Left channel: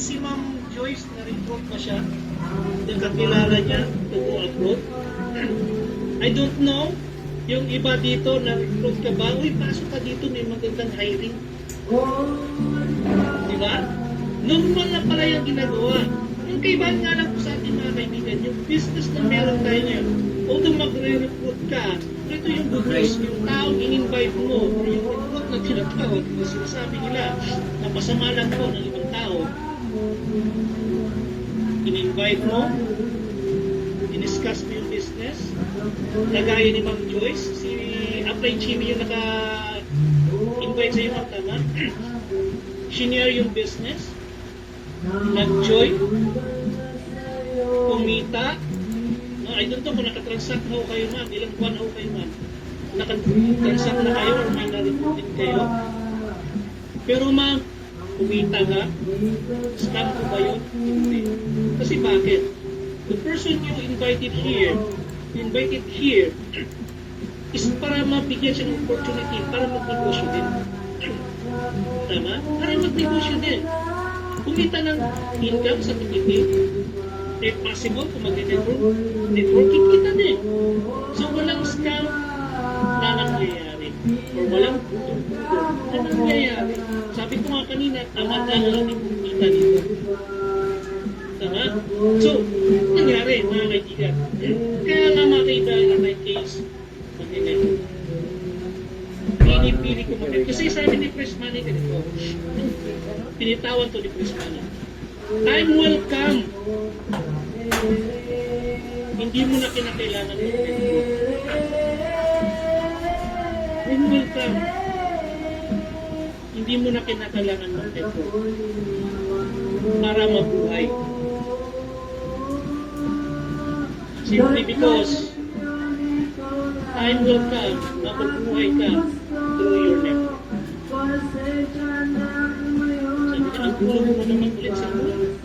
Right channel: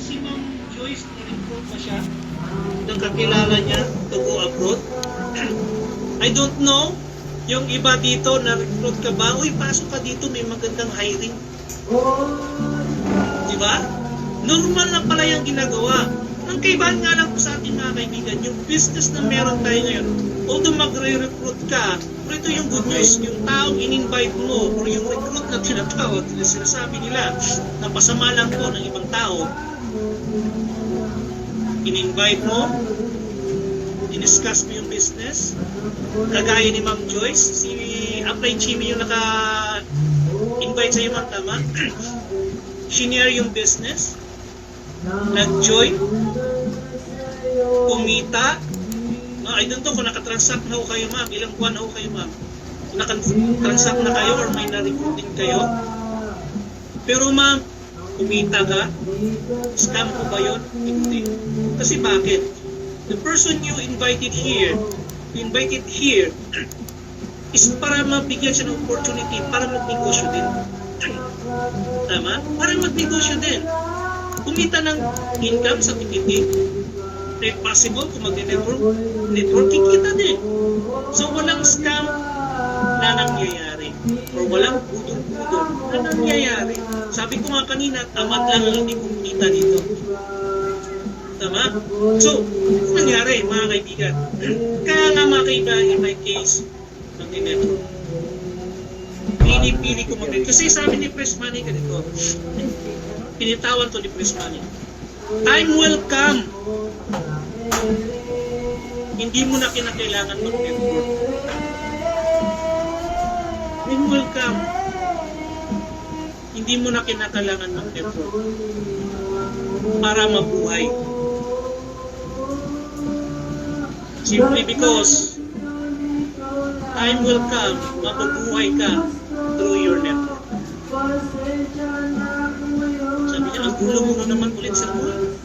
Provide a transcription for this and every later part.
Si Ma'am Joyce, na-recruit ba siya? Nakakilala niya to go abroad? I don't know. Yung iba dito, na-recruit ka ba? Uy, pasok ka dito, may magandang hiring. Diba? Normal na pala yung ginagawa. Ang kaibahan nga lang po sa ating mga kaibigan, yung business na meron tayo ngayon, although magre-recruit ka, pero ito yung good news, yung taong in-invite mo, or yung recruit na tinatawag, sinasabi nila, na pasama lang po ng ibang tao, in-invite mo, in-discuss mo yung business, kagaya ni Ma'am Joyce, si Upline Chimmy yung naka-invite sa iyo, ma'am, tama? Shinare yung business, nag-join, kumita. No, I don't know kung nakatransact na ho kayo, ma'am. Ilang buwan na ho kayo, ma'am. Kung nakatransact na kayo or may na-recruiting kayo. Pero ma'am, kumita ka? Scam ko ba yun? Hindi. Kasi bakit? The person you invited here is para mabigyan siya ng opportunity para magnegosyo din. Tama? Para magnegosyo din. Kumita ng income sa titipid. If possible, kung mag-network, kikita din. So, walang scam na nangyayari. Or walang budong-budong na nangyayari. Sabi ko nga kanina, tama lang ang hindi kumita dito. Tama? So, ano nangyari, mga kaibigan? Kaya nga mga kaibigan, in my case, mag-network. Pinipili ko mag-network. Kasi sabi ni Press Money ganito, pinitawan to ni Press Money. Time will come. Hindi mo na kinakailangan mag-network. Time will come. Hindi mo na kinakailangan mag-network para mabuhay. Simply because time will come, mabubuhay ka through your network. Sabi niya, ang gulo mo naman ulit sa buhay.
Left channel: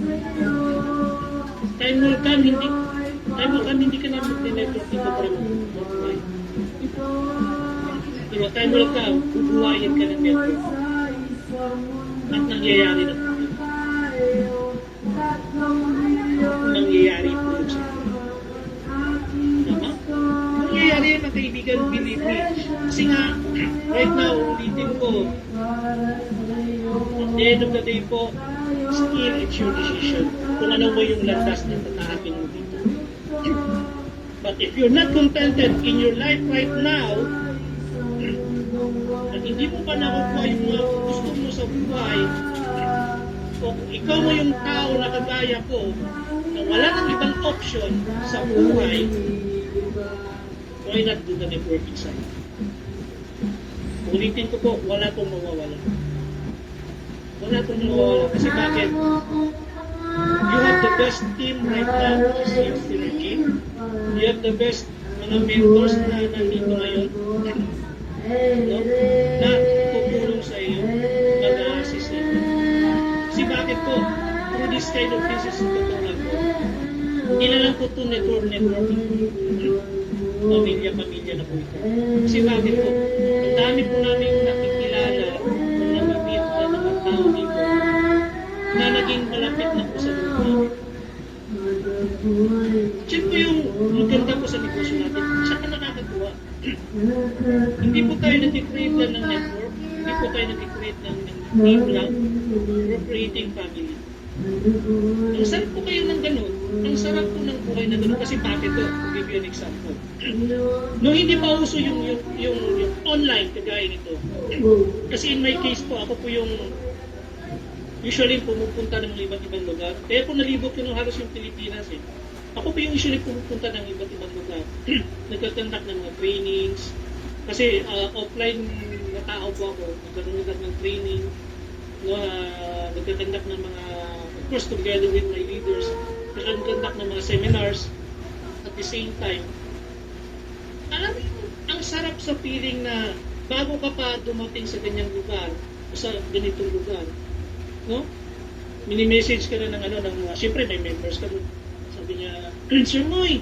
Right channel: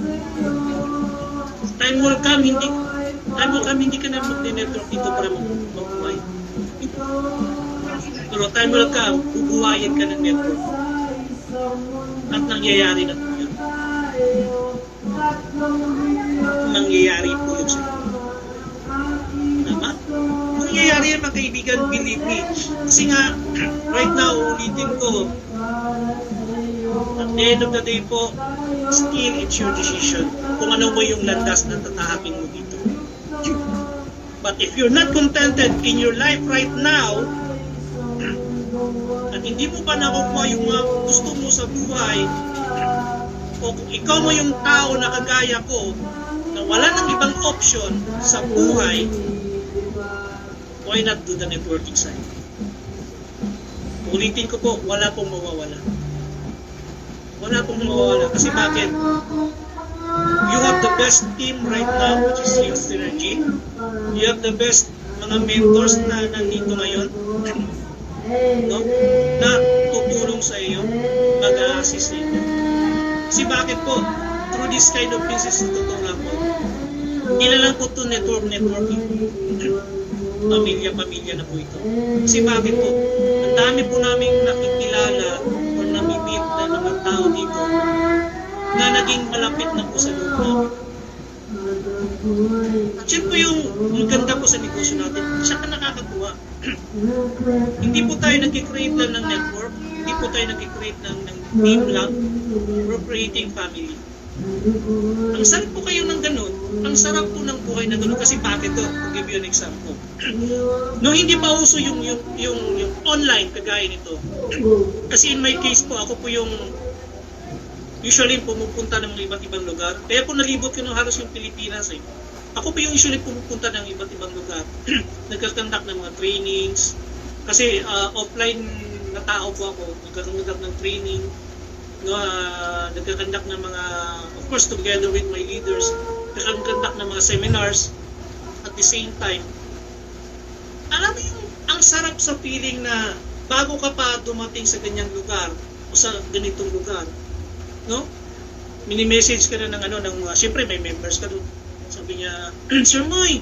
Time will come, hindi ka na mag-network dito para mabuhay. Pero time will come, bubuhayin ka ng network. At nangyayari na po yun. Nangyayari po yun sa inyo. Tama? Nangyayari yan, mga kaibigan, believe me. Kasi nga, right now, ulitin ko, at the end of the day po, still it's your decision kung ano ba yung landas na tatahakin mo dito. But if you're not contented in your life right now, at hindi mo pa nakukuha yung mga gusto mo sa buhay, o kung ikaw mo yung tao na kagaya ko, na wala nang ibang option sa buhay, why not do the networking side? Ulitin ko po, wala pong mawawala. Wala pong mawawala. Kasi bakit? You have the best team right now, which is your synergy. You have the best mga mentors na nandito ngayon, no? Na tutulong sa iyo, mag-assist sa iyo. Kasi bakit po? Through this kind of business, totoo lang po. Hindi na lang po ito networking. Pamilya-pamilya na po ito. Kasi bakit po? Ang dami po namin nakikilala o namimit na naman tao dito na naging malapit na po sa loob namin. At yun po yung maganda po sa negosyo natin. Siya ka nakakatuwa. Hindi po tayo nag-create lang ng network. Hindi po tayo nag-create ng team lang. We're creating family. Ang sarap po kayo ng ganun. Ang sarap po ng buhay na ganun. Kasi bakit to? I'll give you an example. No, hindi pa uso yung online kagaya nito. Kasi in my case po, ako po yung usually pumupunta ng mga iba't ibang lugar. Kaya po nalibot ko ng halos yung Pilipinas eh. Ako po yung usually pumupunta ng iba't ibang lugar. Nagkakandak ng mga trainings. Kasi offline na tao po ako. Nagkakandak ng training. Nagkakandak ng mga, of course together with my leaders, nagkakandak ng mga seminars at the same time. Alam mo yung ang sarap sa feeling na bago ka pa dumating sa ganyang lugar o sa ganitong lugar, no? Mini-message ka na ng siyempre may members ka doon. Sabi niya, Sir Moy,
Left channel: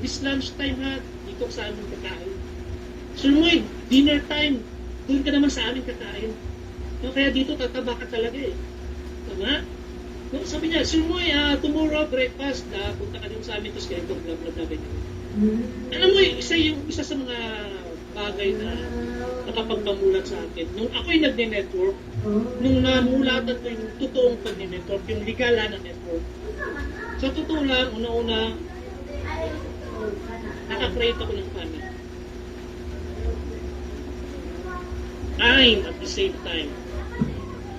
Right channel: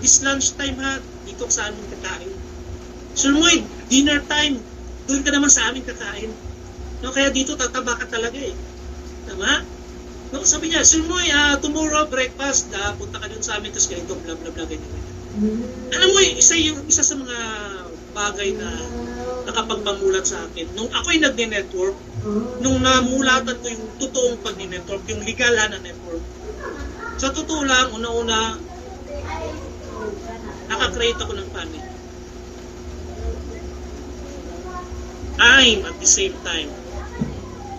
this lunch time ha, dito sa amin kakain. Sir Moy, dinner time, doon ka naman sa amin kakain. No, kaya dito tataba ka talaga eh. Tama? No, sabi niya, Sirmoy, tomorrow breakfast, punta ka dun sa amin, tapos ganito, bla bla bla, ganito. Alam mo, isa sa mga bagay na nakapagpamulat sa akin. Nung ako'y nag-network, nung namulatan ko yung totoong pag-network, yung legal na network, sa totoo lang, una-una, nakakreate ako ng panic. I'm at the same time.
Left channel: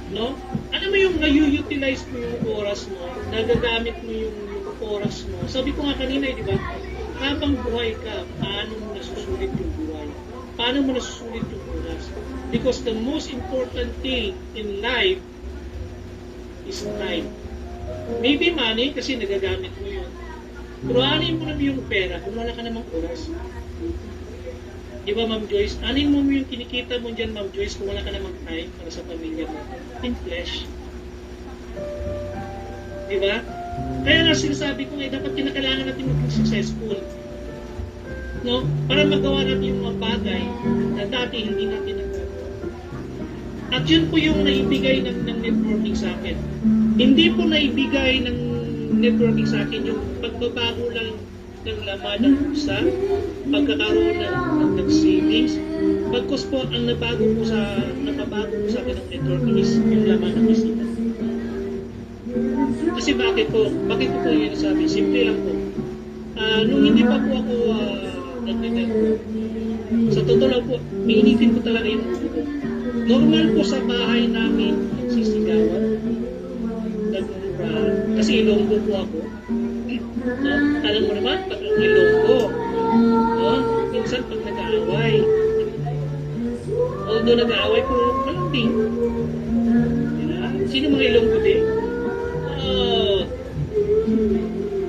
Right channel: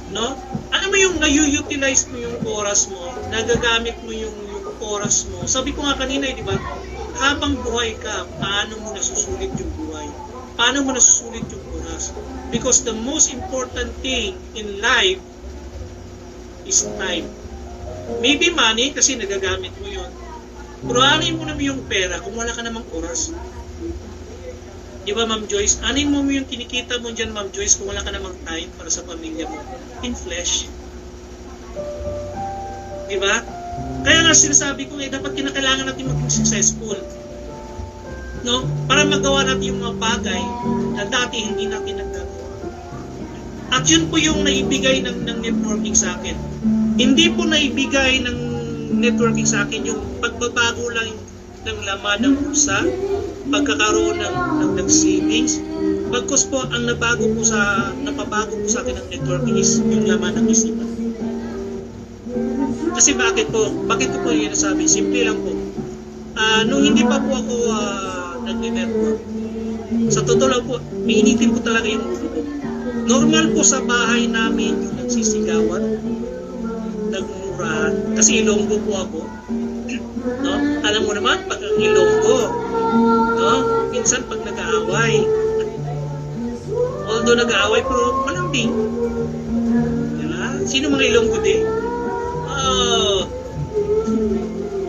No? Alam mo yung na-utilize mo yung oras mo, nagagamit mo yung oras mo. Sabi ko nga kanina, di ba? Habang buhay ka, paano mo nasusulit yung buhay? Paano mo nasusulit yung oras? Because the most important thing in life is time. Maybe money kasi nagagamit mo yun. Pero anin mo naman yung pera kung wala ka namang oras. Di ba, Ma'am Joyce? Anin mo yung kinikita mo dyan, Ma'am Joyce, kung wala ka namang time para sa pamilya mo. In flesh. Di ba? Kaya nga sinasabi ko, dapat kinakailangan natin maging successful. No? Para magawa natin yung mga bagay na dati hindi natin nagagawa. At yun po yung naibigay ng networking sa akin. Hindi po naibigay ng networking sa akin yung pagbabago lang ng laman ng bulsa, pagkakaroon ng savings. Bagkus po, ang napabago po sa akin ng networking is yung laman ng isipan. Kasi bakit po? Bakit ko po yun nasabi? Simple lang po. Nung hindi pa po ako nag-network, sa totoo lang po, mainitin ko talaga yung ulo ko. Normal po sa bahay namin yung nagsisigawan, nagmurahan. Kasi Ilonggo po ako. No? Alam mo naman, pag ang Ilonggo, no? Minsan pag nag-aaway, although nag-aaway, pero malambing. Diba? Sino mga Ilonggo din?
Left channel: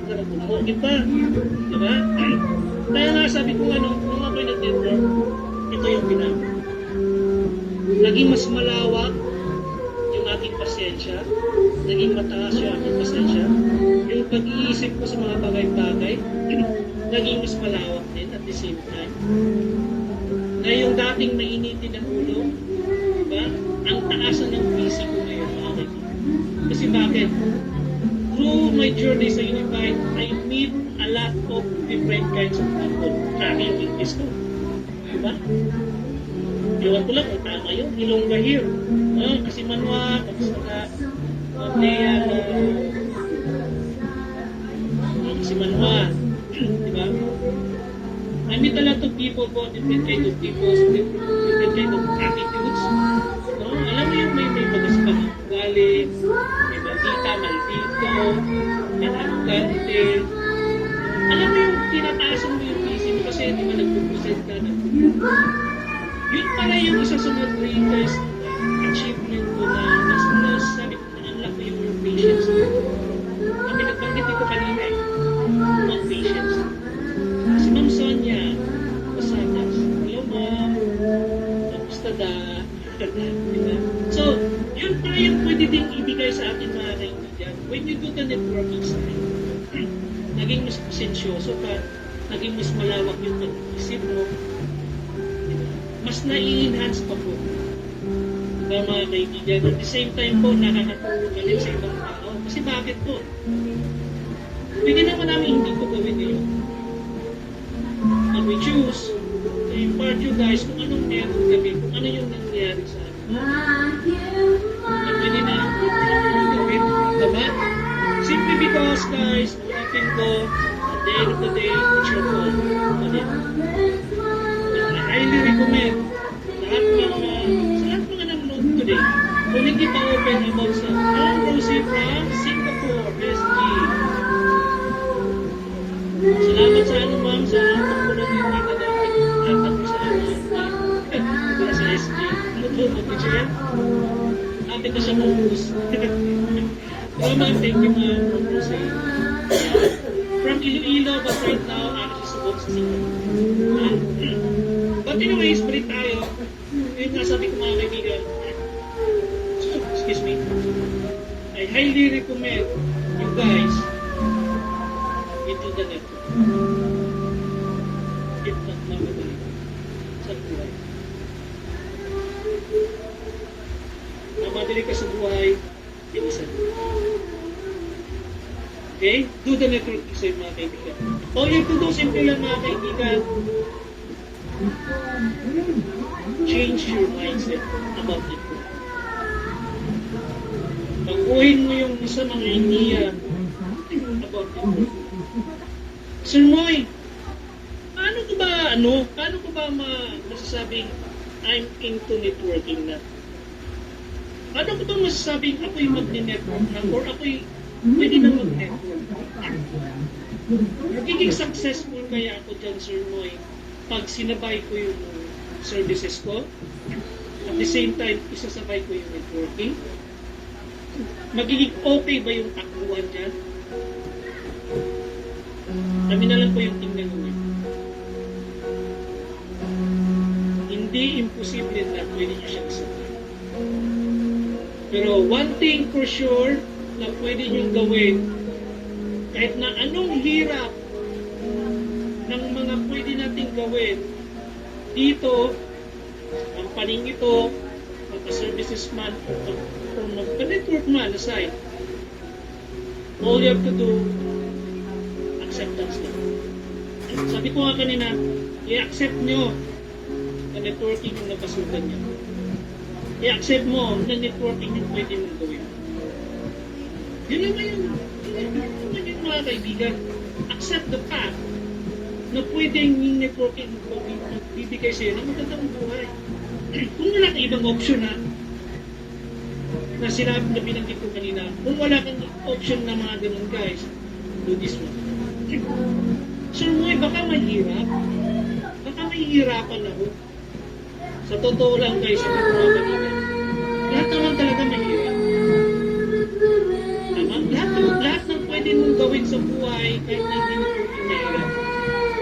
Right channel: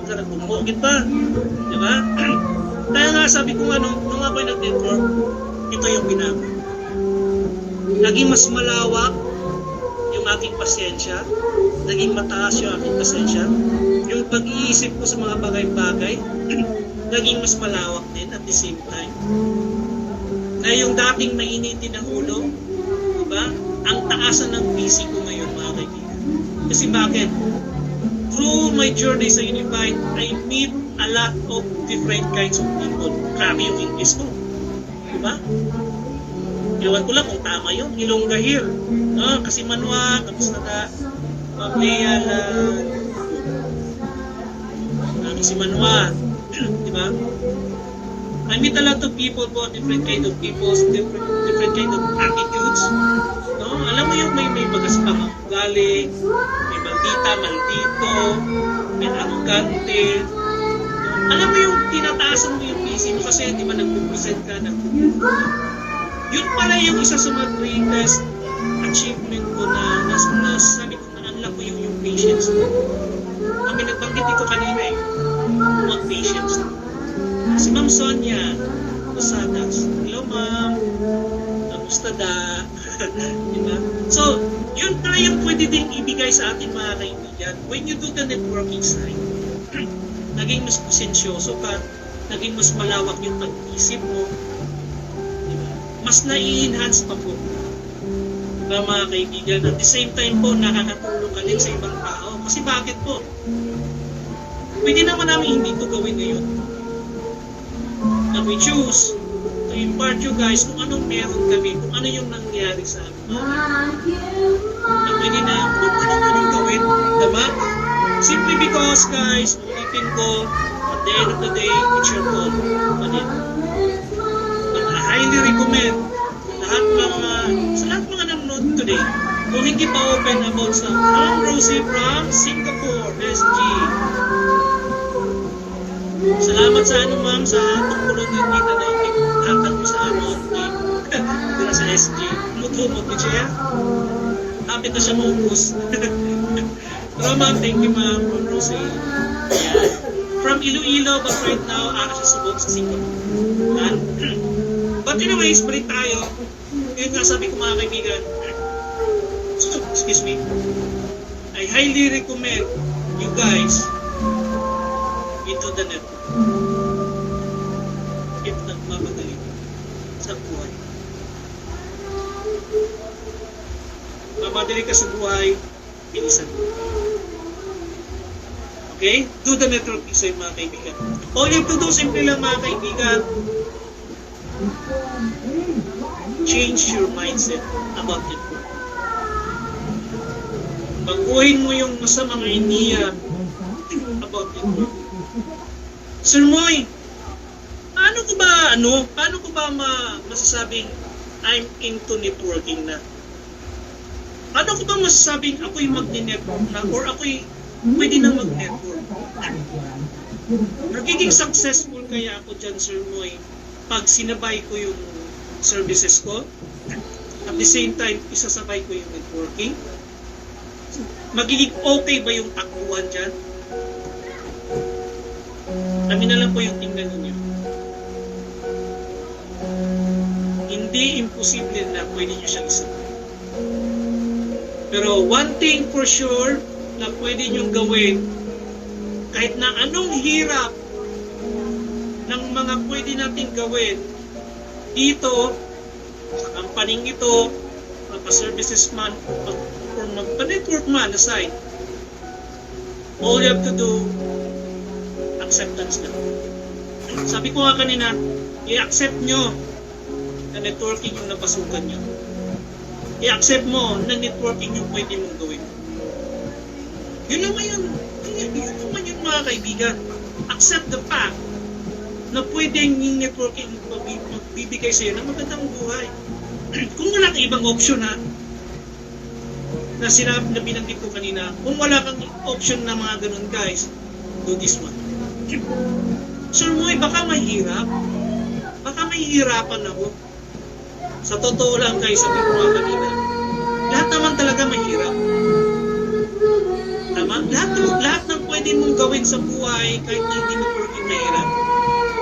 Sarap bumukit pa. Diba? Kaya nga sabi ko nung ako'y nag-network, ito yung ginagawa. Naging mas malawak yung aking pasensya, naging mataas yung aking pasensya, yung pag-iisip ko sa mga bagay-bagay, naging mas malawak din at the same time. Na yung dating mainitin ng ulo, diba? Ang taasan ng busy ko ngayon, mga kaibigan. Kasi bakit? Through my journey sa Univite, I meet a lot of different kinds of people. Grabe yung English ko. Diba? Iwan ko lang kung tama yun. Ilonggahir. Kasi manwa, tapos na mamaya kasi manwa. Diba? I meet a lot of people po, different kind of people, different kind of attitudes. No? Alam mo yung may magaspang ugali, may maldito, may arrogante. Alam mo yung tinataasan mo yung isip mo kasi di ba nag-present ka na. Yun pala yung isa sa mga greatest achievement ko na nasabi ko na unlock ko yung patience. Kami nagbanggit dito kanina mga patience. Si Ma'am Sonia Posadas. Hello Ma'am. Kamusta da? Diba? So, yun pala yung pwede din ibigay sa ating mga kaibigan. When you do the networking side, naging mas pasensyoso ka, naging mas malawak yung pag-isip mo, diba? Mas nai-enhance pa po. Diba mga kaibigan? At the same time po, nakakatulong ka din sa ibang tao. Kasi bakit po? Pwede naman namin hindi ito gawin ngayon. But we choose to impart you guys kung anong meron kami, kung ano yung nangyari sa amin. Na pwede na gawin, diba? Simply because, guys, ulitin ko, at the end of the day, it's your call. I highly recommend sa lahat mga nanonood today, kung hindi pa open about sa Ma'am Rosie from Singapore, SG. Salamat sa ma'am, sa tungkulong din dito na hatag mo sa team sa SG. Lumot ni Chair. Happy ko siya maubos. Pero ma'am, thank you ma'am, Ma'am Rosie. From Iloilo, but right now, ako siya subok sa Singapore. But anyways, balik tayo. Yun nga sabi ko mga kaibigan. Excuse me. I highly recommend you guys into the network. If nagmamadali sa buhay. Mamadali ka sa buhay, bilisan mo. Okay? Do the networking sa'yo mga kaibigan. All you have to do, simple lang mga kaibigan, change your mindset about network. Baguhin mo yung masamang idea about network. Sir Moy, paano ko ba masasabing I'm into networking na? Paano ko ba masasabing ako'y magne-network na or ako'y pwede na mag-network? Magiging successful kaya ako dyan, Sir Moy, pag sinabay ko yung services ko, at the same time, isasabay ko yung networking? Magiging okay ba yung takbuhan dyan? Kami na lang po yung tingnan ninyo. Hindi imposible na pwede nyo siyang isabay. Pero one thing for sure na pwede nyo gawin, kahit na anong hirap ng mga pwede nating gawin dito, sa kampaning ito, mapa-services man, or magpa-network man aside, all you have to do, acceptance lang. Sabi ko nga kanina, i-accept nyo na networking yung napasukan nyo. I-accept mo na networking yung pwede mong gawin. Yun naman yun. Yun naman yun mga kaibigan. Accept the fact na pwedeng yung networking magbibigay sa'yo ng magandang buhay. Kung wala kang ibang option na sinabi na binanggit ko kanina, kung wala kang option na mga ganun guys, do this one. Sir Moy, baka mahirap. Baka mahihirapan ako. Sa totoo lang guys, sabi ko nga kanina, lahat naman talaga mahirap. Tama? Lahat ng pwede mong gawin sa buhay, kahit na hindi networking mahirap.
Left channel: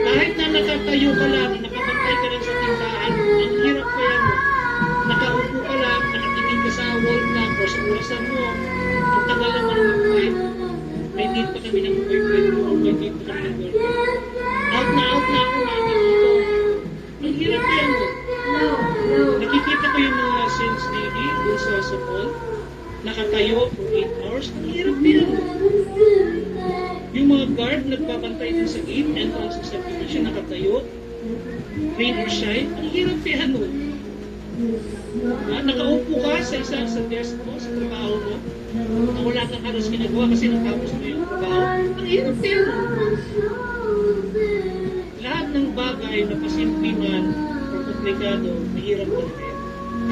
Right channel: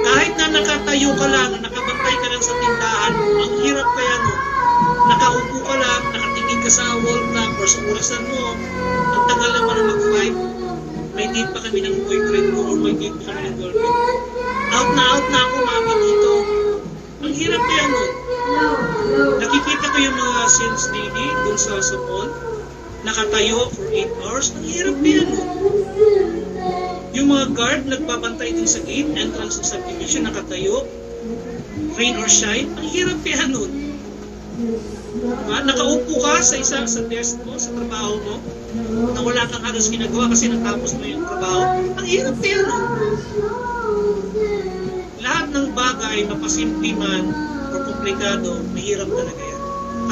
Kahit na nakatayo ka lang, nakabantay ka lang sa tindahan, ang hirap kaya mo. Nakaupo ka lang, nakatingin ka sa wall clock or sa orasan mo, ang tagal naman na mag-fight, may date pa kami ng boyfriend ko or may date pa kami ng girlfriend. Out na ako mami dito. Ang hirap kaya mo. Nakikita ko yung mga sales lady dun sa mall, nakatayo for 8 hours. Ang hirap kaya mo. Yung mga guard nagbabantay dun sa gate, entrance ng subdivision, nakatayo, rain or shine. Ang hirap kaya nun. Nakaupo ka sa desk mo, sa trabaho mo, na wala kang halos ginagawa kasi natapos mo yung trabaho. Ang hirap kaya nun. Lahat ng bagay, mapasimple man o komplikado, mahirap talaga yan.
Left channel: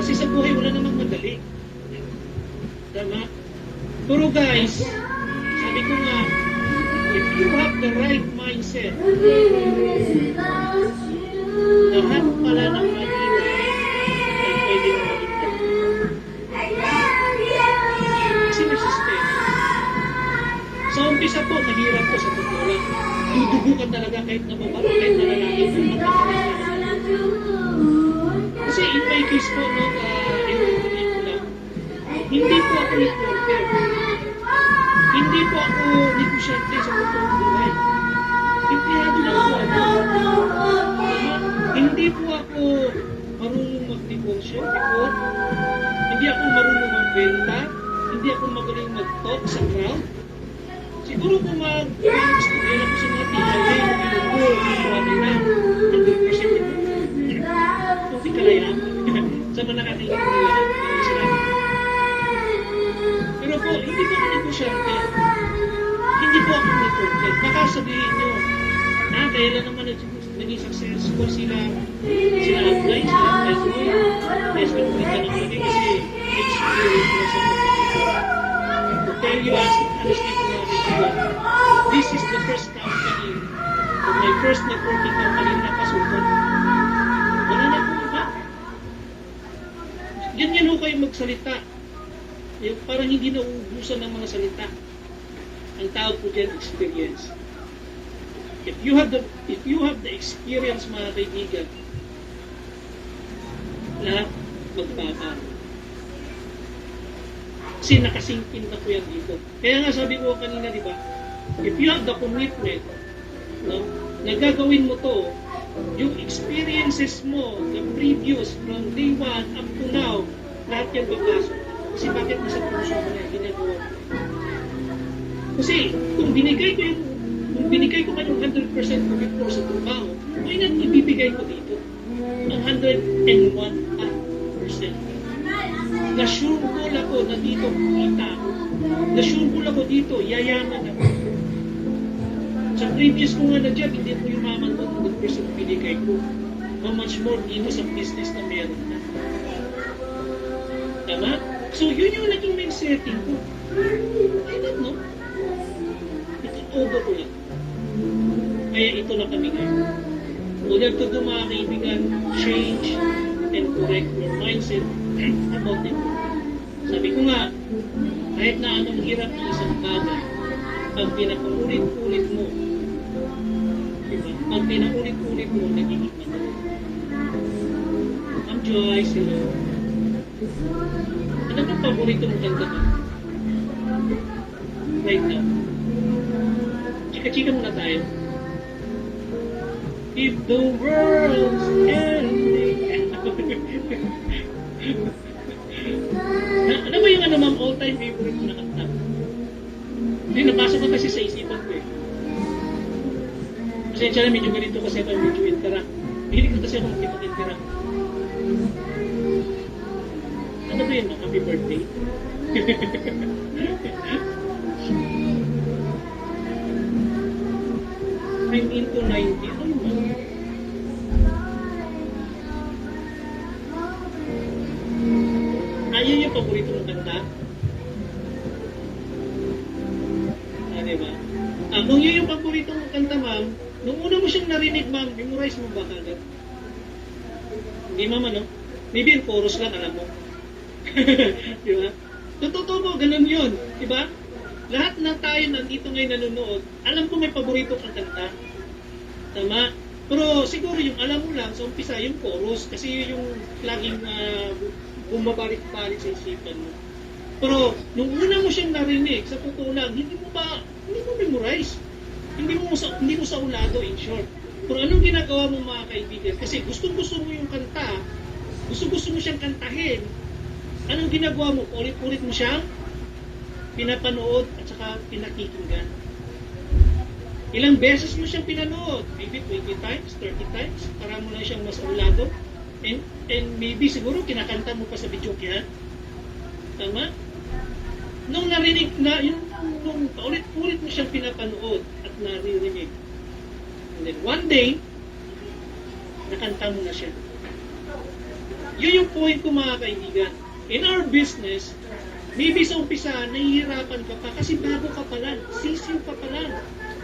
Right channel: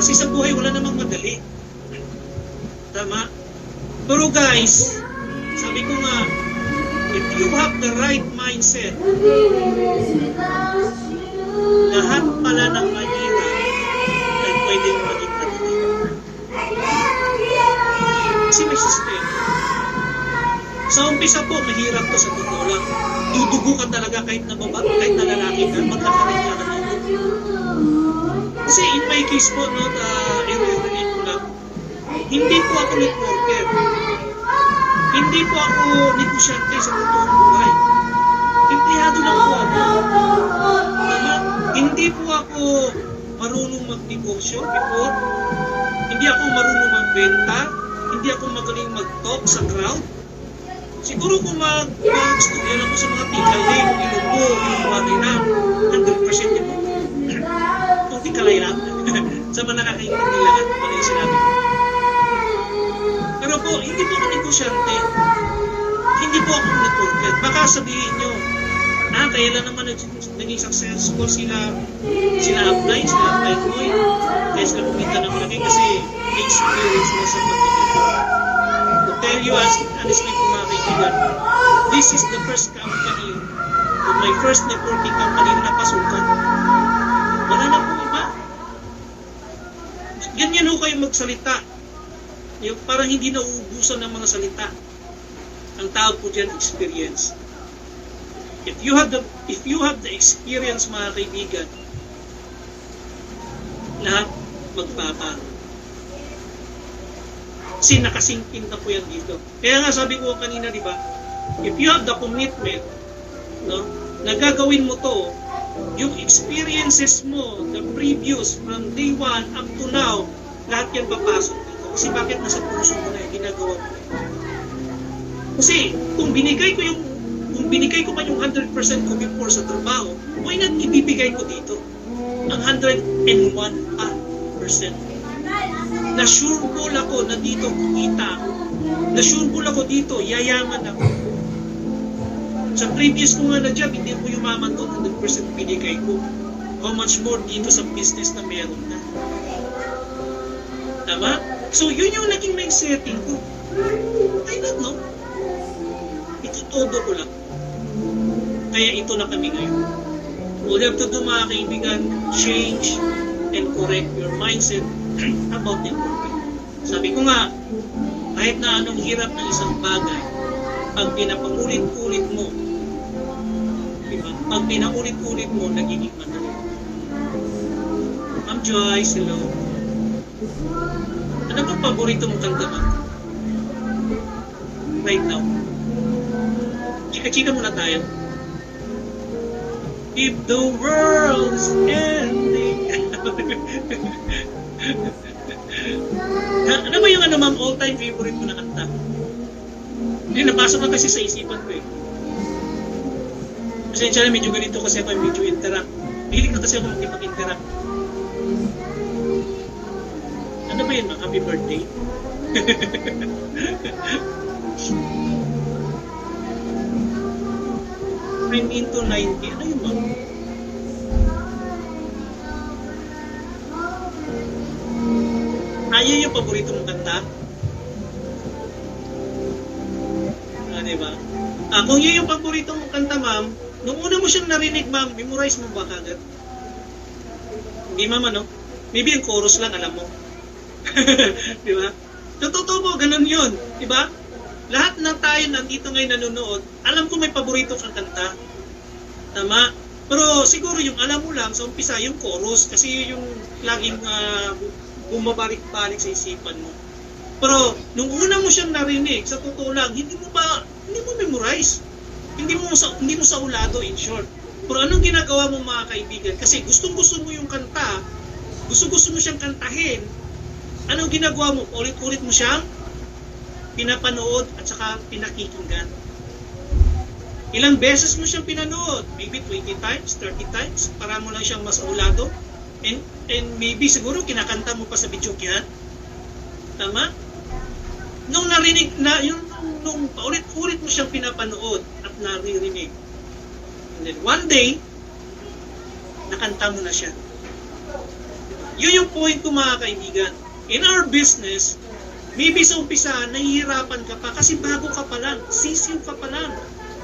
Kasi sa buhay wala namang madali. Tama? Pero guys, sabi ko nga, if you have the right mindset, lahat pala ng mahirap ay pwedeng maging madali. Kasi may sistema. Sa umpisa po, mahirap to sa totoo lang. Dudugo ka talaga kahit na babae, kahit na lalaki ka, magkakaroon ka ng dugo. Kasi in my case po, i-relate ko lang, hindi po ako networker. Hindi po ako negosyante sa totoong buhay. Empleyado lang po ako. Hindi po ako marunong magnegosyo before. Hindi ako marunong magbenta. Hindi ako magaling mag-talk sa crowd. Siguro kung mag-studyan ako sa mga teacher day, ilunggo, ilungwagay na, 100% ito. Kung di kalay lang, sa mga nakakaintindi lang, mga sinabi ko. Pero po, hindi po ako negosyante. Hindi po ako networker. Baka sabihin nyo, kaya lang naman naging successful sila apply mo kaya sila kumita ng lagi kasi may experience na sa pagkakita. To tell you honestly po mga kaibigan, this is the first company or my first networking company na napasukan. Wala na po iba. Ganyan ho kayo magsalita. Yung parang hindi nauubusan ng mga salita. Ang tawag po dyan, experience. If you have the experience mga kaibigan, lahat magpapaano. Kasi nakasingkin na po yan dito. Kaya nga sabi ko kanina, di ba? If you have the commitment, no, na gagawin mo to, yung experiences mo, the previous, from day 1 up to now, lahat yan papasok dito. Kasi bakit nasa puso mo na ginagawa Kasi kung binigay ko man yung 100% ko before sa trabaho, why not ibibigay ko dito ang 101%? Na-sure goal ako na dito kikita ako. Na-sure goal ako dito, yayaman ako. Sa previous ko nga na job, hindi ko yumaman doon 100% binigay ko. How much more dito sa business na meron na. Tama? So, yun yung naging main setting ko. I don't know. Itutodo ko lang. Kaya ito na kami ngayon. All you have to do, mga kaibigan, change and correct your mindset about networking. Sabi ko nga, kahit na anong hirap ng isang bagay, pag pinapangulit-ulit mo, diba? Pag pinaulit-ulit mo, nagiging madali. Ma'am Joyce, hello. Ano bang paborito mong kanta mo? Right now. Chika-chika muna tayo. If the world's ending. Ano ba yung ma'am, all-time favorite mo na kanta? Hindi, napasok na kasi sa isipan ko eh. Pasensya na, medyo ganito kasi ako, medyo interrupt. Hilig na kasi ako makipag-interrupt. Ano ba yun, happy birthday? I'm into 90. Ano yun, ma'am? Ayun yung paborito mong kanta? Diba? Kung yun yung paborito mong kanta, ma'am, nung una mo siyang narinig, ma'am, memorize mo ba kagad? Hindi, ma'am, ano? Maybe yung chorus lang, alam mo. Diba? So, totoo mo, ganun yun. Diba? Lahat ng tayo nandito ngayon nanonood, alam ko may paborito kang kanta. Tama? Pero siguro yung alam mo lang, sa umpisa, yung chorus, kasi yung laging bumabalik-balik sa isipan mo. Pero nung una mo siyang narinig, sa totoo lang, hindi mo memorize. Hindi mo saulado, in short. Pero anong ginagawa mo, mga kaibigan? Kasi gustong-gusto mo yung kanta, gusto-gusto mo siyang kantahin. Anong ginagawa mo? Ulit-ulit mo siyang pinapanood at saka pinakikinggan. Ilang beses mo siyang pinanood? Maybe 20 times, 30 times, para mo lang siyang masaulado. And maybe siguro kinakanta mo pa sa video kaya. Tama? Nung narinig na, nung paulit-ulit mo siyang pinapanood at naririnig. And then one day, nakanta mo na siya. Yun yung point ko, mga kaibigan. In our business, maybe sa umpisa, nahihirapan ka pa kasi bago ka pa lang, sisiw ka pa lang,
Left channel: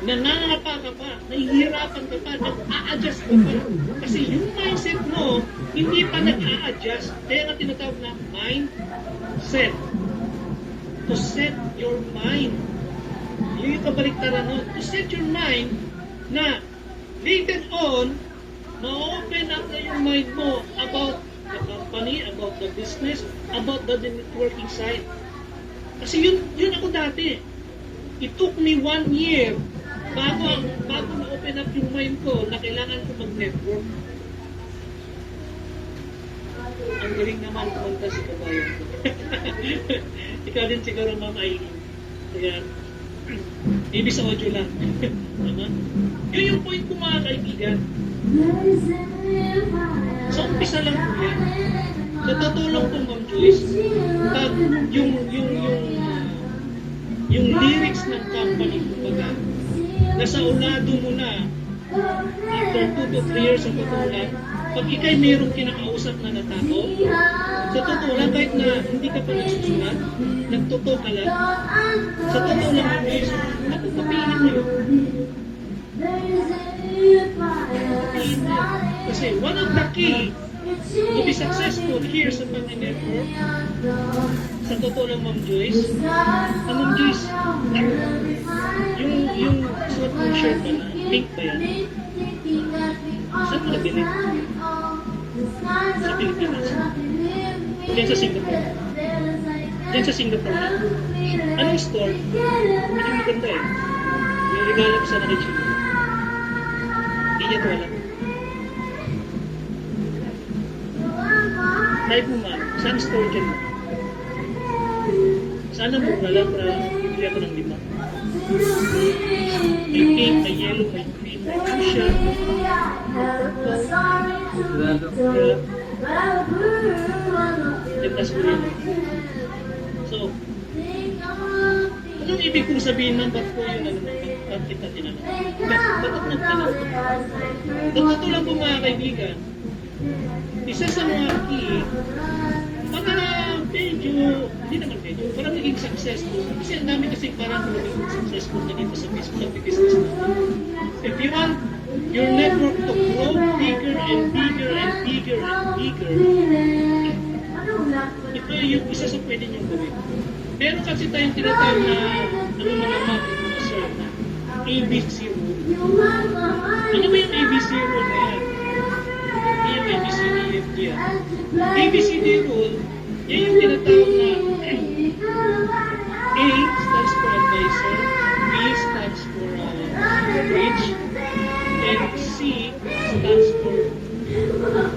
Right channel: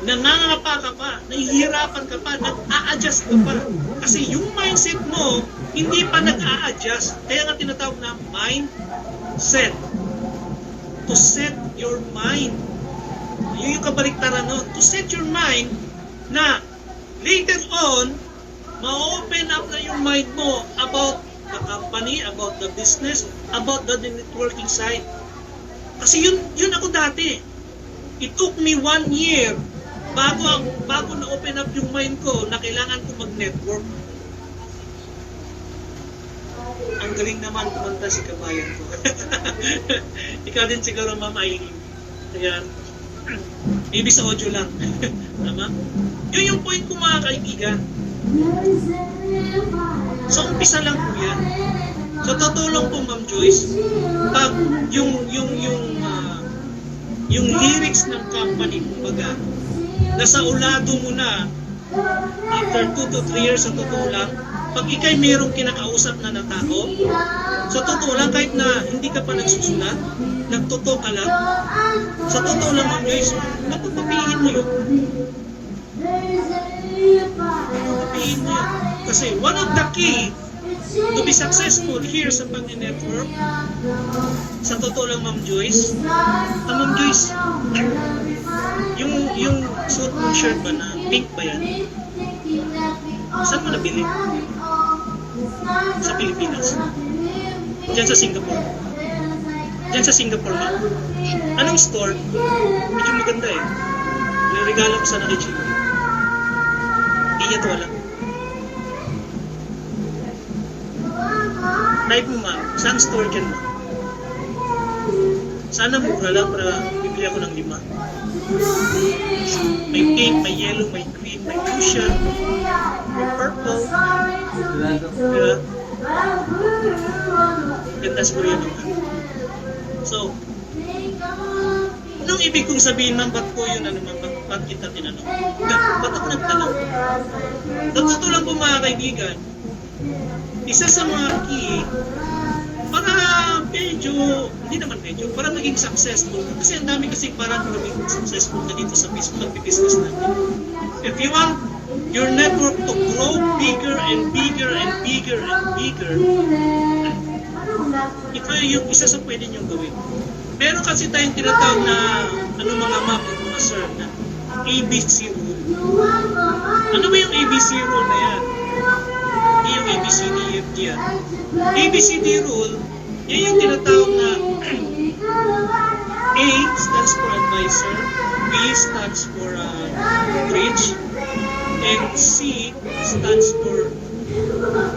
nangangapa ka pa, nahihirapan ka pa, nag-a-adjust ka pa. Kasi yung mindset mo, hindi pa nag-a-adjust. Kaya nga tinatawag na mindset. To set your mind. Yun yung kabaliktaran nun. To set your mind na later on, ma-open up na yung mind mo about the company, about the business, about the networking side. Kasi yun ako dati. It took me 1 year bago na-open up yung mind ko na kailangan ko mag-network. Ang galing naman kumanta si kabayan ko. Ikaw din siguro, Ma'am Aileen. Kaya, ibig sa audio lang. Tama? Yun yung point ko, mga kaibigan. So, umpisa lang po yan. Sa totoo lang po, Ma'am Joyce, pag yung lyrics ng company, kumbaga, nasa ulado mo na after 2 to 3 years, sa totoo lang, pag ikay mayroong kinakausap na ng tao, sa totoo lang, kahit na hindi ka pa nagsusulat, nagtotoo ka lang, sa totoo lang, Ma'am Joyce, natutupihin mo yun. Natutupihin mo yun. Kasi one of the key to be successful here sa pag-network, sa totoo lang, Ma'am Joyce, Ma'am Joyce, yung suot mong shirt ba na pink ba yan? Saan mo nabili? Sa Pilipinas. Diyan sa Singapore. Diyan sa Singapore na. Anong store? Medyo maganda eh. May regalo ko sana kay Chino. Hindi niya to alam. Type mo, ma'am. Saan store dyan, ma'am? Sana mura lang para bibili ako ng 5. May pink, may yellow, may green, may fuchsia, may purple. Diba? Ganda siguro yan naman. So, anong ibig kong sabihin, ma'am? Ba't ko yun, ba't kita tinanong? Ba't ako nagtanong? Totoo lang po mga kaibigan, isa sa mga key, para medyo, hindi naman medyo, para maging successful. Kasi ang dami kasi parang maging successful na dito sa Facebook at business natin. If you want your network to grow bigger and bigger and bigger and bigger, ito yung isa sa pwede nyo gawin. Meron kasi tayong tinatawag na, mga ma'am at mga sir, na ABC rule. Ano ba yung ABC rule na yan? Hindi yung ABCD yan. ABCD rule, yan yung tinatawag na A stands for advisor, B stands for bridge, and C stands for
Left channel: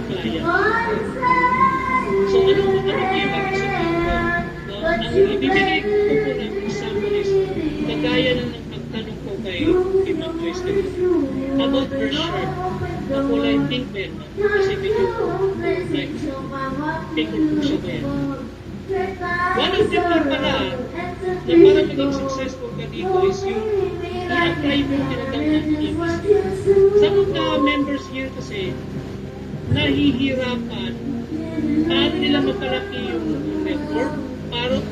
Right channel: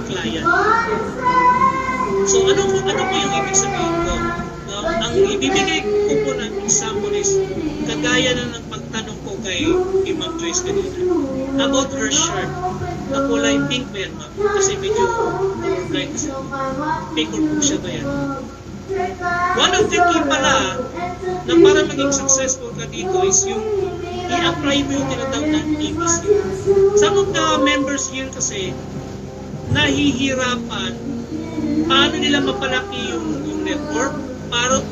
client. So ano po yung ibig sabihin ko? No? Ang ibibigay ko po ng example is kagaya na ng pagtanong ko kay Ma'am Joyce kanina about her shirt na kulay pink ba yan, ma'am? Kasi medyo bright kasi pink or po siya ba yan? One of the key pala na para maging successful ka dito is yung i-apply mo yung tinatawag ng ABC. Some of the members here kasi nahihirapan paano nila mapalaki yung network,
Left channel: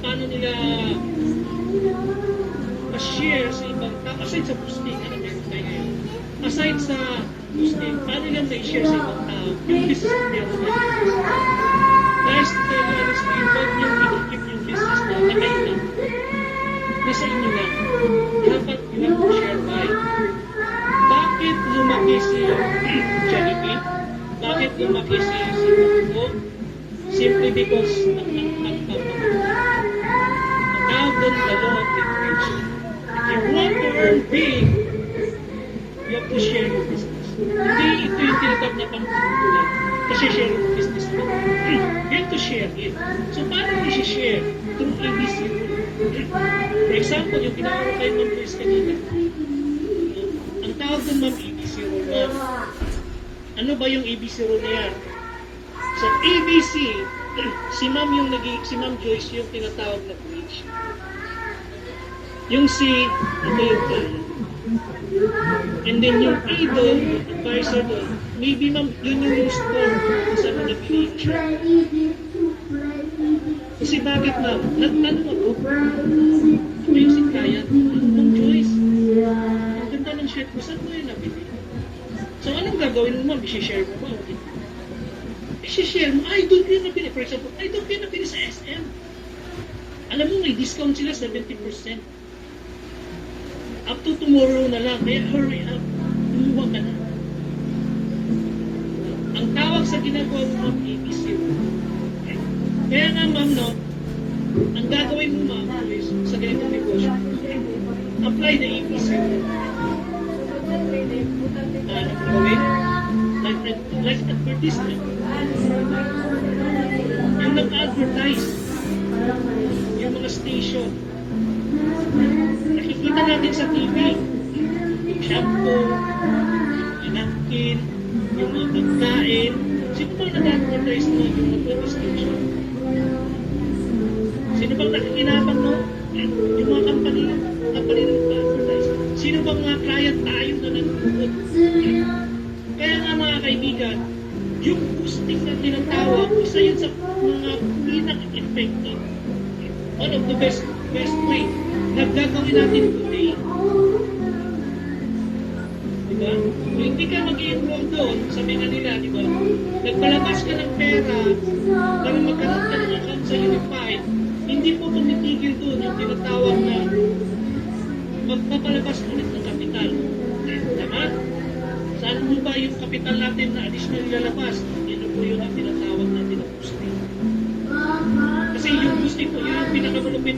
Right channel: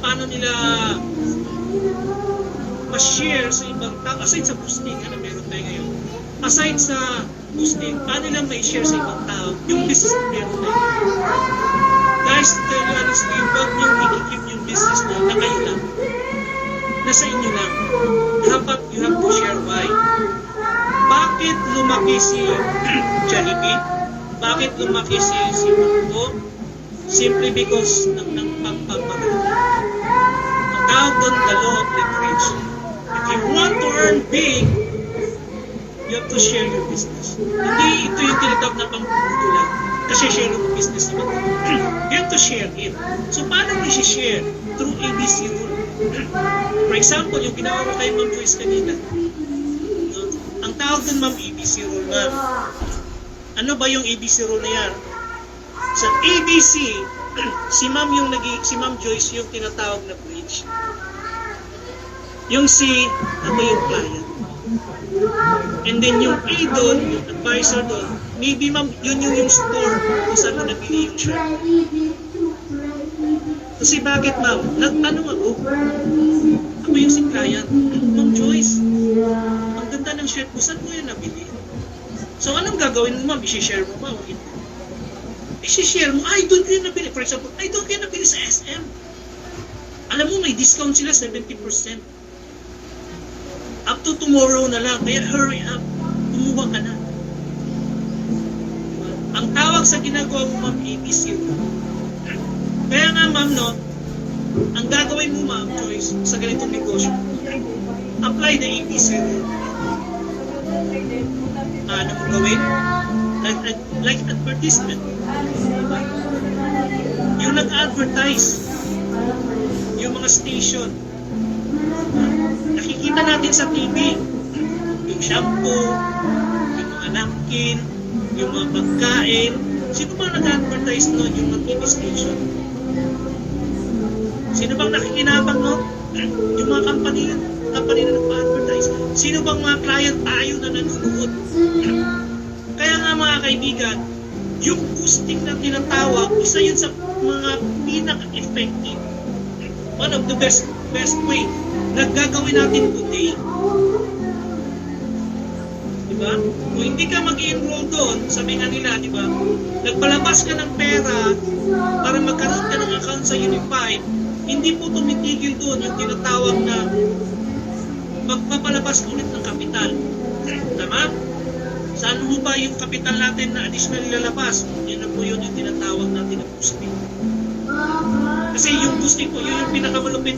paano nila ma-share sa ibang tao, aside sa boosting, ano meron tayo ngayon, aside sa boosting, paano nila ma-share sa ibang tao yung business na meron tayo. Guys, to tell you honestly, huwag niyong i-keep yung business na kayo lang. Nasa inyo lang. You have to share why. Bakit lumaki si Jollibee? Bakit lumaki si Marco? Simply because ng pagpapagod. Ang tawag doon, the law of leverage. If you want to earn big, you have to share your business. Hindi ito yung tinatawag na pangpuputo lang. Kasi share yung business naman. You have to share it. So, paano mo i-share? Through ABC rule. For example, yung ginawa ko kay Ma'am Joyce kanina. Ang tawag doon, ma'am, ABC rule, ma'am. Ano ba yung ABC rule na yan? Sa ABC, si Ma'am Joyce yung tinatawag na bridge. Yung C, ano yung client. And then yung A doon, yung advisor doon, maybe ma'am, yun yung store kung saan mo nabili yung shirt. Kasi bakit ma'am? Nagtanong ako, ako yung si client, Ma'am Joyce, ang ganda ng shirt mo, saan mo yan nabili? So anong gagawin mo ma'am? I-share mo ba? O hindi? I-share mo, doon ko yan nabili. For example, doon ko yan nabili sa SM. Alam mo, may discount sila 70%. Up to tomorrow na lang. Kaya hurry up. Kumuha ka na. Ang tawag sa ginagawa mo, ma'am, ABC. Kaya nga, ma'am, no, ang gagawin mo, ma'am, Joyce, sa ganitong negosyo, apply the ABC rule. Ano mo gawin? Like advertisement. Yung nag-advertise, yung mga station, nakikita natin sa TV, yung shampoo, yung mga napkin, yung mga pagkain. Sino bang nag-advertise nun yung mga TV station? Sino bang nakikinabang nun? Yung mga company na nag-advertise. Sino bang mga client tayo na nanonood? Kaya nga mga kaibigan, yung boosting na tinatawag, isa yun sa mga pinaka-effective. One of the best way na gagawin natin today. Diba? Kung hindi ka mag-i-enroll doon, sabi nga nila, diba? Nagpalabas ka ng pera para magkaroon ka ng account sa Unify, hindi po tumitigil doon yung tinatawag na magpapalabas ulit ng kapital. Tama? Saan mo ba yung kapital natin na additional ilalabas? Yan na po yun yung tinatawag natin na boosting. Kasi yung boosting po, yun yung pinakamalupit.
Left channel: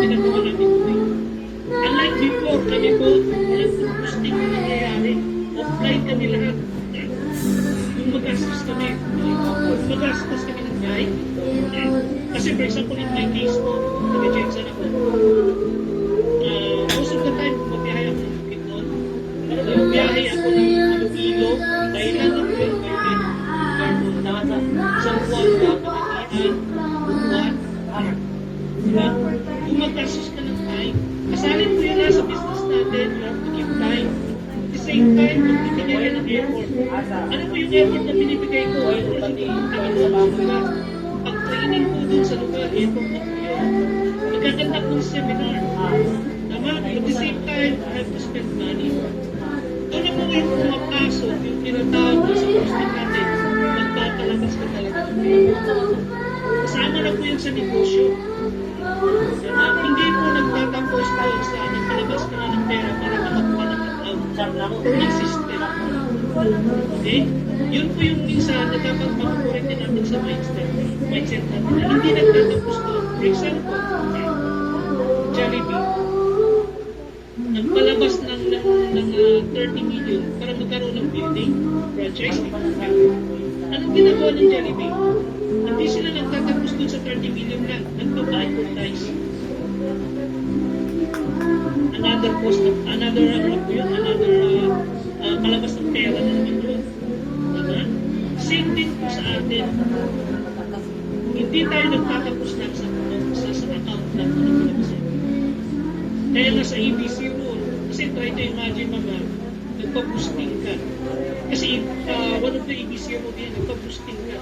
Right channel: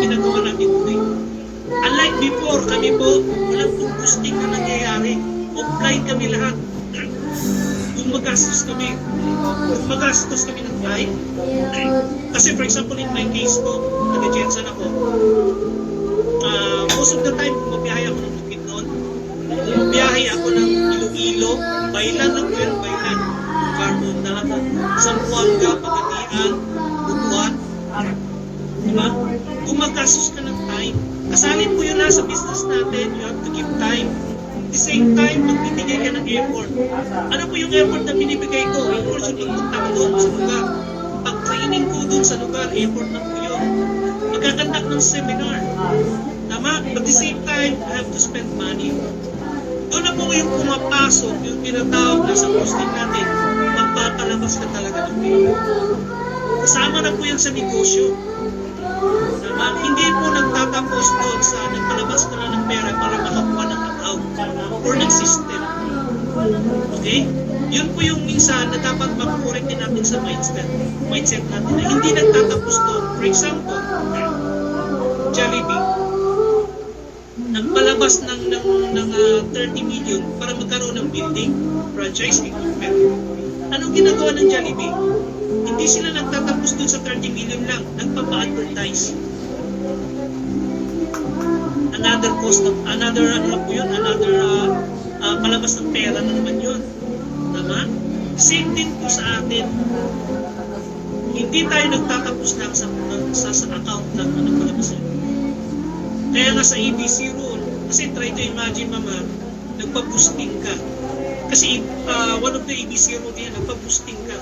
Ginagawa natin today. Unlike before, kami po, walang boosting na nangyayari. Flight kami lahat. Kung magastos kami ng flight, kasi for example, in my case po, nag-Jensen ako, most of the time, bumiyahe ako ng Bukidnon, bumiyahe ako ng Iloilo, Bailan lang yun, Bailan, Carmona, Zamboanga, Pagadian, Butuan, diba? Kung magastos ka ng time, kasalin mo yun na sa business natin, you have to give time. At the same time, magbibigay ka ng effort. Ano po yung effort na binibigay ko? Effort sa pagpunta ko doon sa lugar. Pag-training ko doon sa lugar, effort na po yun. Magkakandak ng seminar. Tama? At the same time, I have to spend money. Doon na po yung pumapasok, yung pinatawag na sa posting natin, magpapalabas ka talaga ng pera. Kasama na po yan sa negosyo. Hindi po nagtatapos doon sa nagpalabas ka na ng pera para makakuha ng account or ng system. Okay? Yun po yung minsan na dapat mag-correct din natin sa mindset natin na hindi nagtatapos doon. For example, Jollibee, nagpalabas ng 30 million para magkaroon ng building, franchise, equipment. Anong ginagawa ng Jollibee? Hindi sila nagtatapos doon sa 30 million lang, nagpapa-advertise. Another cost, another palabas ng pera na naman yun. Tama? Same din po sa atin. Hindi tayo nagtatapos lang sa account lang ng palabas ng pera. Kaya nga sa ABC rule, kasi try to imagine mama, nagpa-boosting ka. Kasi one of the ABC rule yan, nagpa-boosting ka.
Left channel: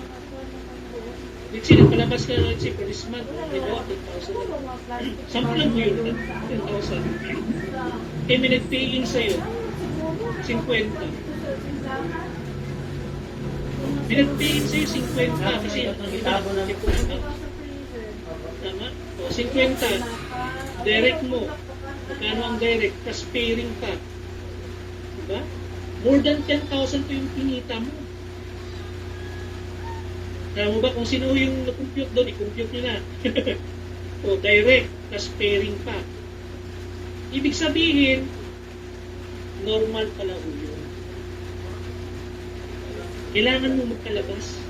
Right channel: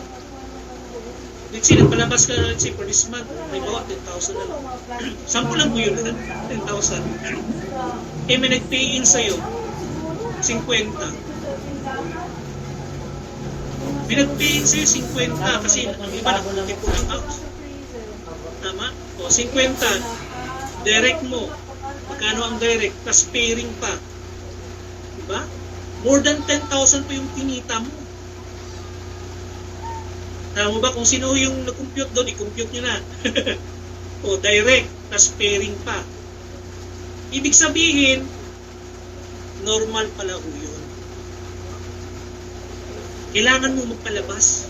Let's say, nagpalabas ka na, let's say, for this month, may bawa, 10,000 na lang. Sample lang po yun, 10,000. Eh, may nag-pay in sa'yo, 50. May nag-pay in sa'yo, 50, kasi ang iba nag-pay po ng house. Tama? O, 50, direct mo. Magkano ang direct, plus pairing pa. Diba? More than 10,000 pa yung kinita mo. Tama mo ba kung sino yung nag-compute doon, i-compute nyo na. O, direct, plus pairing pa. Ibig sabihin, normal pala ho yun. Kailangan mo magpalabas